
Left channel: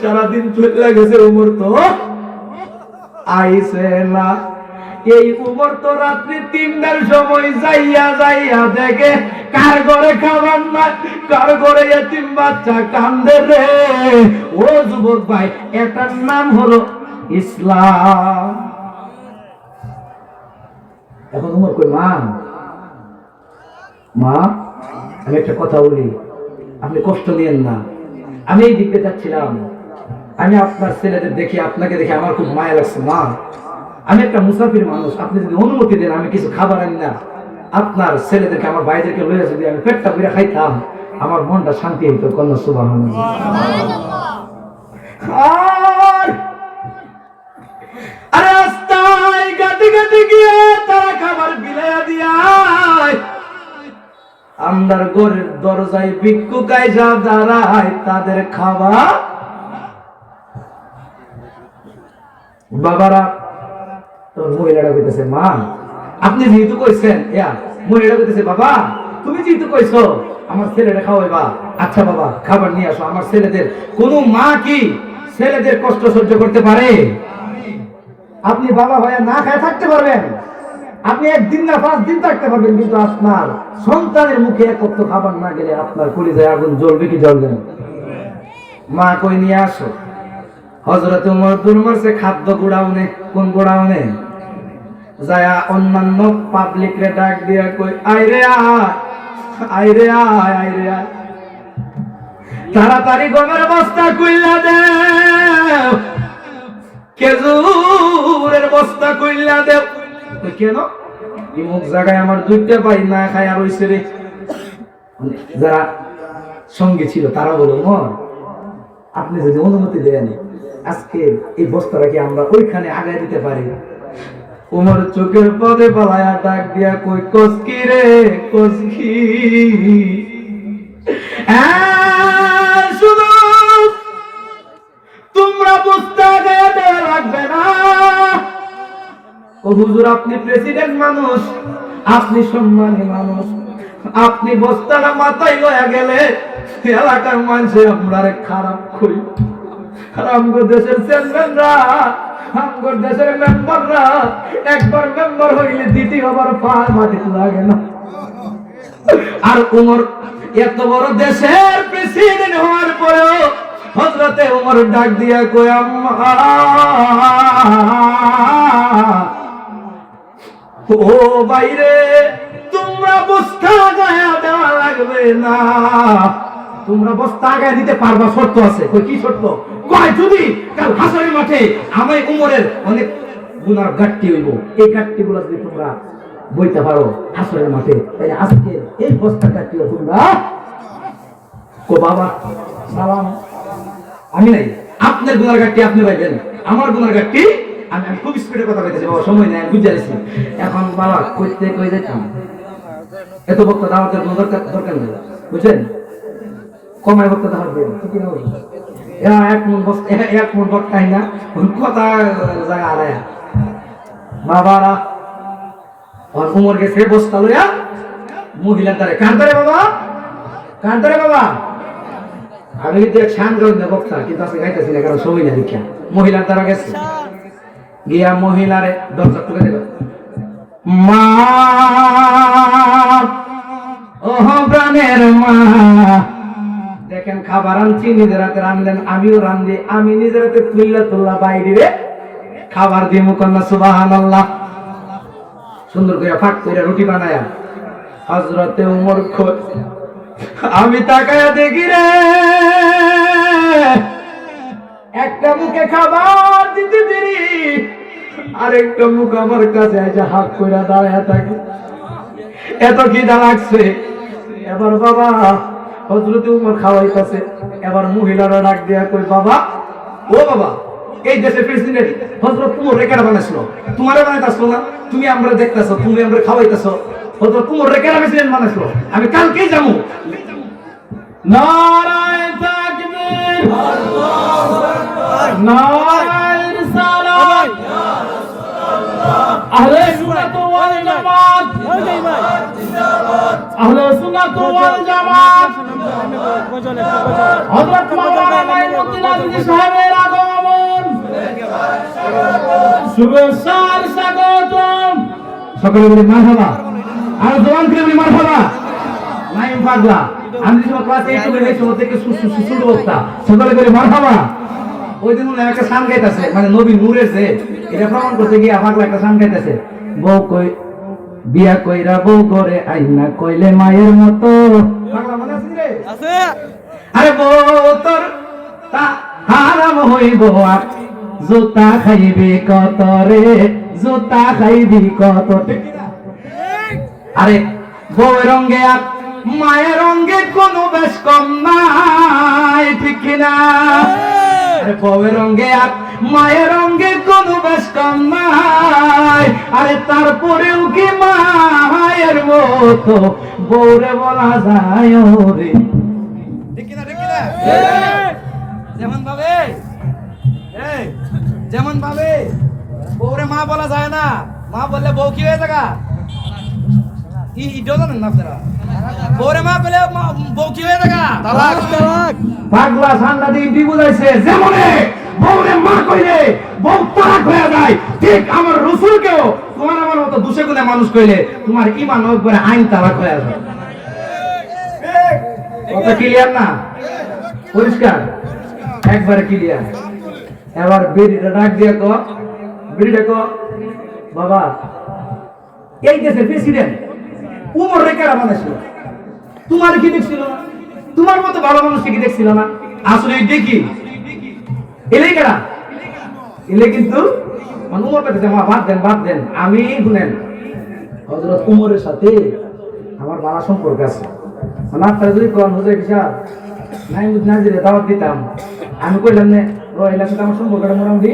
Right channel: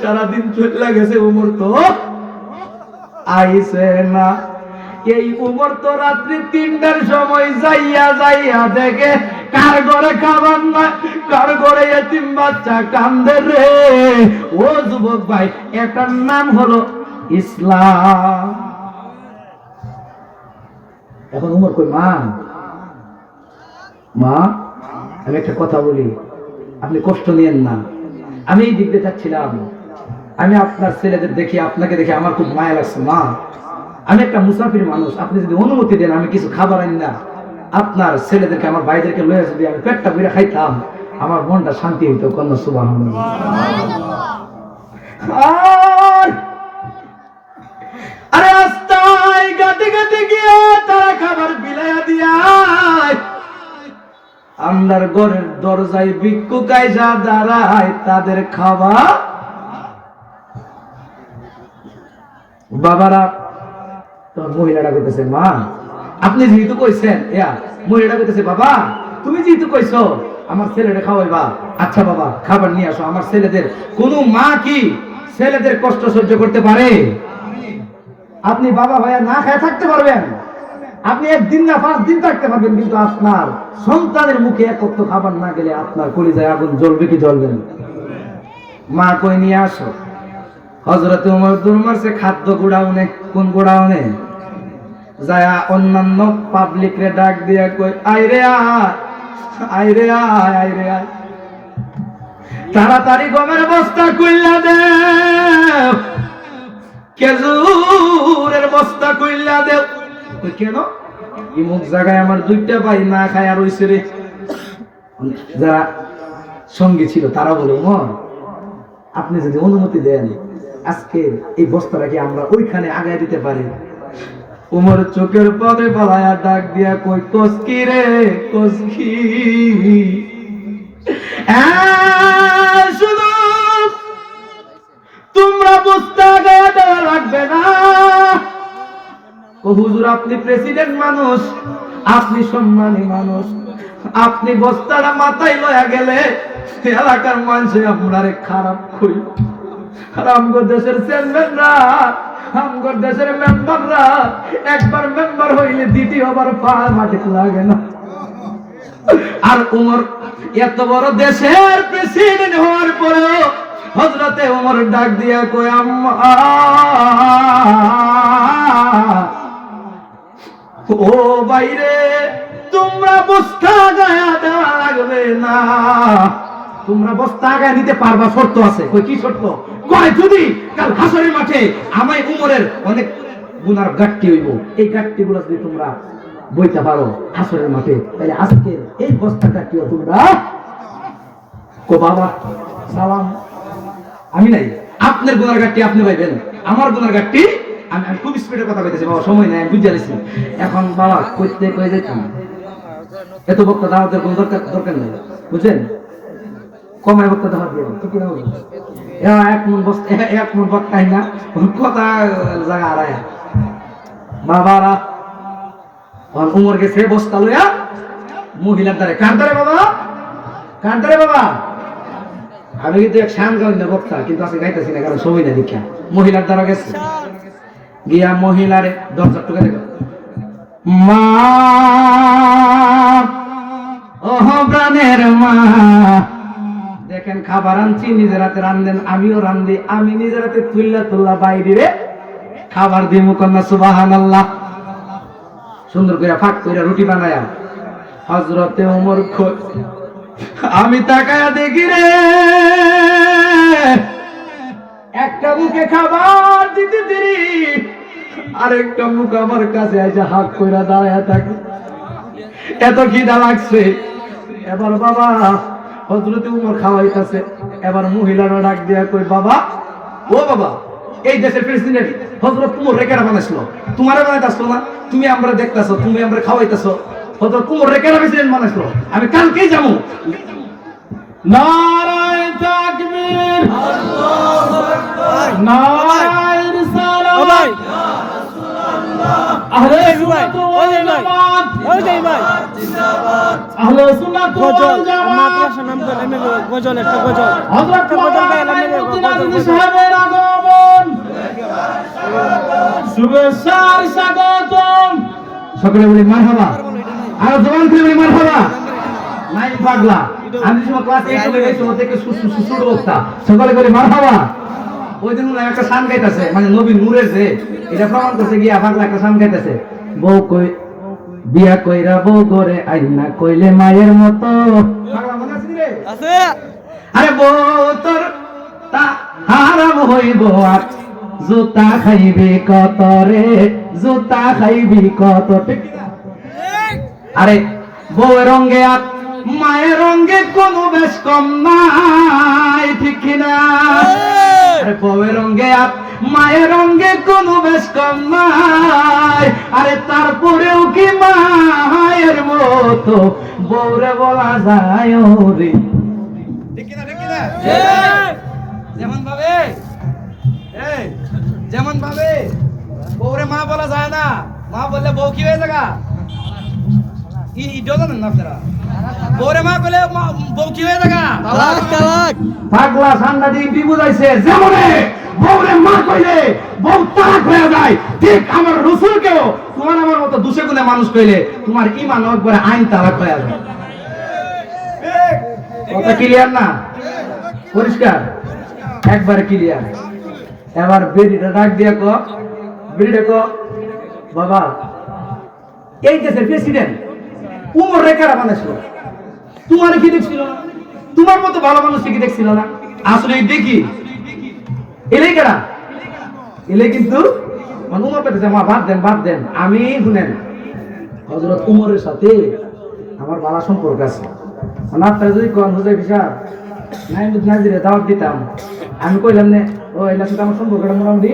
সারাদিন চলে গেছে ওমর তো আইছে না এই উমর তো রাত্রি 3টার সময় যাইয়া যাইয়া দেখে কার ঘরে খাবার নাই, কার ঘরে এতিম বাচ্চা কান্দে রে। ও যুবক ভাই, এটার নাম হলো ইসলাম। এখন উমর কই, মা মা আমি একটা কথা বলি, আপনি কষ্ট নিয়েন না। আমি এই দিকতে যাচ্ছিলাম, আমি আপনার ছেলেদের দেখি, আপনাকে দেখে আমার খুব মায়া লাগছে। মা, আমি একটা মুসাফির মানুষ, আপনি যদি অনুমতি দেন আমি কিছু খাবার আনি না, আপনার ছেলেদেরকে আমার ভাইদেরকে লয়ে যদি আমি পেটটা ভরে খাইতাম, আমার মনটা শান্তি হইতো। কন্যা সুবহানাল্লাহ। আরে রাস্তায় গাতে গাতে গিয়ে তারা খাবার বিলাইয়া দিয়া আমরার ঘরের দরজায় ভিক্ষুক আইসা দাঁড়ায় তাদের খাবার। বাবারা তোর মহিলাটা কইতেছে, মা আপনি যেহেতু কইছেন, মহিলাটা কইতেছে, বাবা তুমি যেহেতু কইছো আমার ছেলেটা খাওয়াইবা, আচ্ছা বাবা খাবার নিয়ে আসো। আমার ছেলেদের, কোন মা কি ছেলেদের কষ্ট সহ্য করতে পারে? আপনি বাবা ভাইয়া না খায় থাকতে পারবেন, আপনি 1 দিন না 5 দিন থাকতে পারবেন, কিন্তু আপনার সন্তানের মুখে একত্র খাবার না গেলে আপনার কলিজায় আগুন জ্বলবে কি জ্বলবে না? মা কই নিয়ে আসো। হযরত ওমর দুরমাসে খাদ্য গোডাউনে, কোন গোডাউনে যায়া অন্যান্য পাবলিক রে ডাক দিয়া কই, আইরে আয়, আইরে আয়, আইরে আয়, তাড়াতাড়ি গমের বস্তা কইলা দে, খেজুরের বস্তা কইলা দে। কেন? ইমুক জায়গায় আমার 2টা ভাই না খায় আর হইছে রে। যারা সঙ্গে ছিল তারা বলে, ওমর আপনি যদি অনুমতি দেন আজকে এই বস্তাটা কি আমরা ওইখানে আগায় দিতে পারি? ওমর চোখের পদে পালায়া ডাক দিয়া কই, কসকি রে কসকি, শুধু তোমরা বস্তা গায়ে দেওয়া লাগবে না। ও হুজুর, আপনি প্রেসিডেন্ট মানুষ, আপনি সম্মানী মানুষ, আপনি বস্তাটা মাথায় লয়া গেলে এলাকার মানুষে আপনারে খারাপ করি। আমগো দেশের চেয়ারম্যানরা, আমগো দেশের মেম্বাররা একবার মেম্বার হইলে দ্বিতীয়বার পা মাটিতে লাগে না। আর ওমর এত বড় দেশের প্রেসিডেন্ট হওয়ার পরেও হযরতে ওমর ডাক দিয়া কয়, আম্মা ও বাইরে, তোমরা বস্তা গায়া দেওয়া লাগবে না, তোমরা বস্তা আগায় দিতে পারবা, শর্ত আছে। কই কি শর্ত? কয় যদি কাল হাসরের মাঠে আমায় উমরের অনেক গুনার গাট্টি হইব, এই গাট্টি গুলো যদি তোমরা বইতে পারো হাসরের মাঠে, তাহলে আজকে এই বস্তাটা কি তোমরা কো বাবা সালাম, আমি নাই, আপনার গুনার গাট্টি আপনি পাইবেন, আমার গুনার গাট্টি আমি খুব স্পিডে কথা কইতেছি বাবা, সময় নাই, বুঝতে পারছি। এখন বাবা কইতে কই যাইতাম, এত বক্তা দাওয়াতের কোনো দরকার নেই, বুঝছেন? কমাই বক্তা দাওয়াত দেব, ঠিক না? এক মন বক্তাই না, কথা জায়গা আড়ায় বাবারা। উমর গেছে বস্তা লইয়া মহিলার দ্বারে, কার দ্বারে বাবা, কার দ্বারে বাবা? আমি কিন্তু এক শান গাউন না বক্তা, কিন্তু আজকে গাইতেছি না কারণ সময় না দীক্ষা। মহিলার দ্বারা গেছে, গিয়া মহিলারে দরজা টুকে দেব, মা ও প্রাণের মা, দেখেন খাবার আনছি, নিজের হাতে রান্ধেন, আমিও রান্ধি, আমি নিজের হাতে তুল্লা বাইরে খাবার দিয়ে মুকল্লা সুবহানাল্লাহ। সুন্দর করে ফাট করে রুটি বানায়া হযরতে ওমর আমি তাকায়া দেখি রে, একটা মুখে খাবার দিতে দেরি, আরেকটা মুখ আমার কাছে এসে হাত কইরা দাঁড়ায় থাকে, এত খিদা লাগছে। এবার বাবা হযরতে ওমর খাওয়াইতেছে, এবার মহিলারা ডাক দিয়া কই, বাবা ও বাবা, এই দেশের প্রেসিডেন্ট হযরত ওমর রে কেন বানাইছিল? তোমারে বানাইতাছো না? তুমি আমরা দেখতাছো, তুমি আমরা খাওয়াইতাছো, হযরত ওমর রে কেন প্রেসিডেন্ট বানাইছিল? আমি কালকেই যাবো। নারায়ে তাকবীর, আল্লাহু আকবার, নারায়ে রিসালাত, ইয়া রাসূলুল্লাহ, আহলে সুন্নাত ওয়াল জামাত, আহলে সুন্নাত ওয়াল জামাত, হযরত মাওলানা মাইনুদ্দিন আজমি সাহেবের আগমন, শুভেচ্ছার স্বাগত। সকলে বলি মারহাবা, আর জবান করে বলি মারহাবা। নাই পাগলা, আমি যখন ক্লাস 8 এ পড়েছি ওতে থেকে সুসুড় অবস্থা, সকলে বলি মারহাবা। ওই দিন উনি একটা গান গাইতেছে, মানে নবী নূরের যে এটা প্রমাণ করতে গিয়ে পাগলা একটা গান গাইতেছে, বউ কই বিয়া কইরা বউ করে আইনা কইলে মায়ের মতো। পাগলা মনে আছে রে? আছে। আরে বউ তোর তা হারাম হইব আর জুতা খাইবে কত রে, জুতা খাইবি কত, ঠিক না? আরে বউয়ের রঙে আর মায়ের রঙে কোনো বেশ কম নাই, ঠিক কিনা? আরে বউয়ের রঙে আর মায়ের রঙে কোনো বেশ কম নাই, আরে তারপরেও কি মায়ের মতো বউরে বলা যায় রে, ঠিক কিনা? ঠিক কিনা? যেমন ভাবে যেমন ভাবে বউরে মা বলা যায় না, মা বললে বউ কি হয়ে যাগা, জানেন না আপনারা? বউরে মা বলে বউ কি হয়ে যাগা, পাগলা সাংঘাতিক বিবুঝাইছে। যেমনে বউরে মা কইলে বউ তালাক হয়ে যায়, ঠিক আমার রাসূলকেও তোমার আমার মতো দুশে গুণে মানুষ কইলে তোমার ঈমান একবারে আইন তালাক হয়ে যাবে। কথা ক্লিয়ার না? পরিষ্কার, একবারে ক্লিয়ার। এবার বেরিটা ডাক দিয়া কো, বেরিটা কো, বাবা এই দেশের প্রেসিডেন্ট উমর রেখারা বানাইছিল, তোমার কি দেখছিল না? তোমার মতো ভালো মানুষ কি দেখছিল না? আসলে দেখি এলে কেনা এলে, কিন্তু উমর পেতেছে আমার বাদ দেন। আমি শুনেন হযরত উমরের সাথে আমার ভালো সম্পর্ক আছে, আপনারা যদি কোন হুজুর সাহেব নাইমুদ নাজিরে দাওয়াত দিতাম, আমি কইলাম না ও এলার সাথে আমার সম্পর্কটা মোটামুটি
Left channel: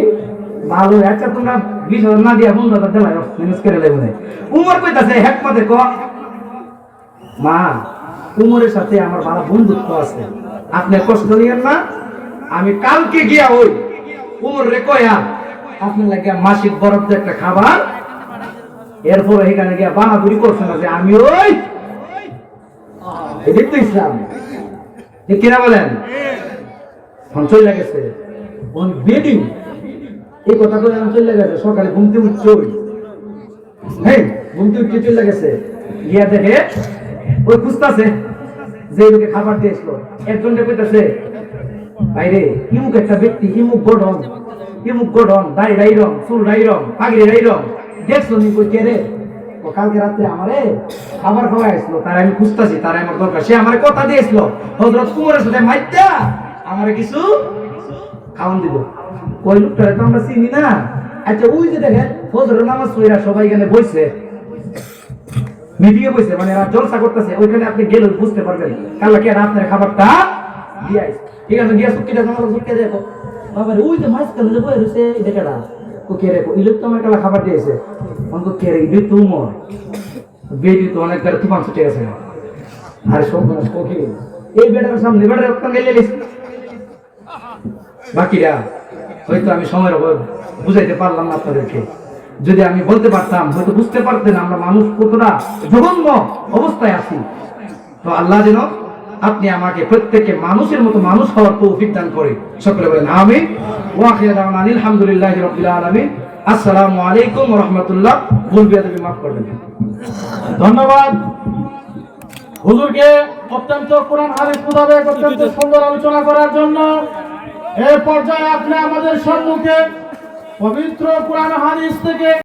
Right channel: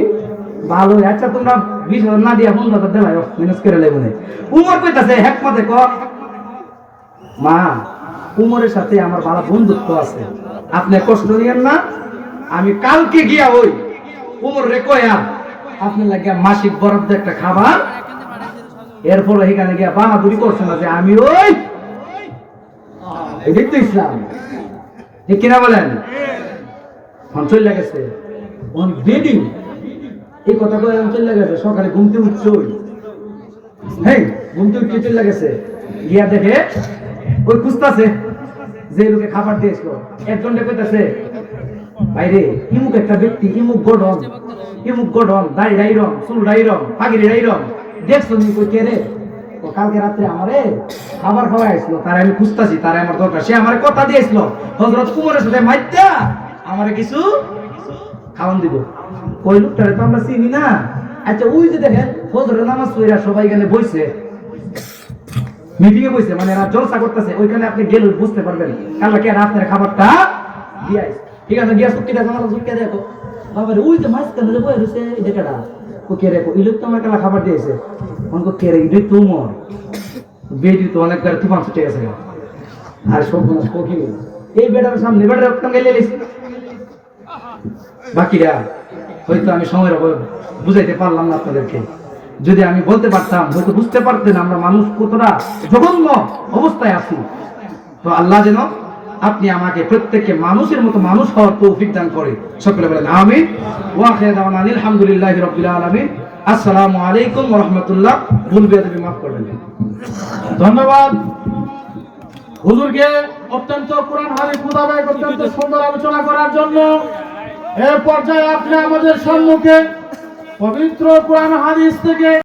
ভালো, আচ্ছা তোমরা 20,000 না দিয়া 15,000 দিলাও ম্যানেজ করে লাই মনে। উমর কইতাছে হেকমতে ক, মা উমরের সাথে আমার ভালো বন্ধুত্ব আছে, আপনি কষ্ট নিয়েন না, আমি কালকে গিয়া ওই উমর রে কইয়া আপনার লাগে মাসিক বরাদ্দ একটা খাবার, এরপর এখানে গিয়া বাহাদুরি করছে না যে আমি ওই এদিক তো ইসলাম, ঠিক কিনা বলেন? চলে গেছে বেডিং, এই কথা তো চলে গেছে, সকালে ঘুমতে উঠছে, হ্যাঁ ঘুমতে উঠতে চলে গেছে, গিয়া দেখে ওই খুঁজতেছে যে লোকে খাবার দিয়েছিল, একজন কইতাছে বাইরে ইমুক একটা ব্যক্তি, ইমুক গঠন, দাড়ি রাইরম, চুল রাইরম, পাগড়ি রাইরম, দেখছো নি? কই কে রে? ও কালকে রাত্রে আমারে খাবার খাওয়া আসছিল, তার আমি খুঁজতাছি, তার আমার দরকার, সে আমার কথা দিয়েছিল হযরত উমরের সাথে মাইত্যা আমারে কিছু খাওয়ান দিব। ওই লোকটারে তো আমরা চিনি না। আচ্ছা ওই যে দেখেন ফজরের নামাজ পড়া সবাই এখানে বইছে, মিটিং এ বইছে, মানে এরা জলসা করতেছে, ওইখানে আপনি গেলে বুঝতে পারবেন কালকে কে আপনার খাবারটা দিয়াই, ঠিক আছে? গিয়া সুক্কি দেখো, সুক্কি দেখো, বাবারে ওই যে মাছ কেন বই রইছে, এটা কেডা? ও কে রে? এই লোক তো আমার কালা খাবার দিয়েছে, আমাকে কে রে? এটা তো উমর। বেডি তো অনেক করে তুফান ছুটে গেছে, আর সব মানুষ কোকি এই বেটার সামনে বেটার সঙ্গে লেলিস। বাকিরা হয়তো আমি সময়ের অভাবে বুঝাইতে পারলাম না আপনাদেরকে, যদি আমি বলতে পারতাম হয়তো বুঝতে পারতেন আমরা মানুষ কতটা জঘন্য অবস্থায় আছি। তো আল্লাহ যেন আপনি আমাকে প্রত্যেককে মানুষের মতো মানুষ হওয়ার তৌফিক দান করে, সকলে বলেন আমিন। ওয়া আখিরু দাওয়ানা আলহামদুলিল্লাহি রাব্বিল আলামিন। আসসালামু আলাইকুম ওয়া রাহমাতুল্লাহ। ভুল বিয়াদবি মাফ করবেন। ধন্যবাদ হুজুরকে অত্যন্ত কোরআন হাদিস মোতাবেক অত্যন্ত সুন্দর আলোচনা করার জন্য। এই পর্যায়ে আপনি আমাদের সম্মুখে পবিত্র কোরআন হাদিস থেকে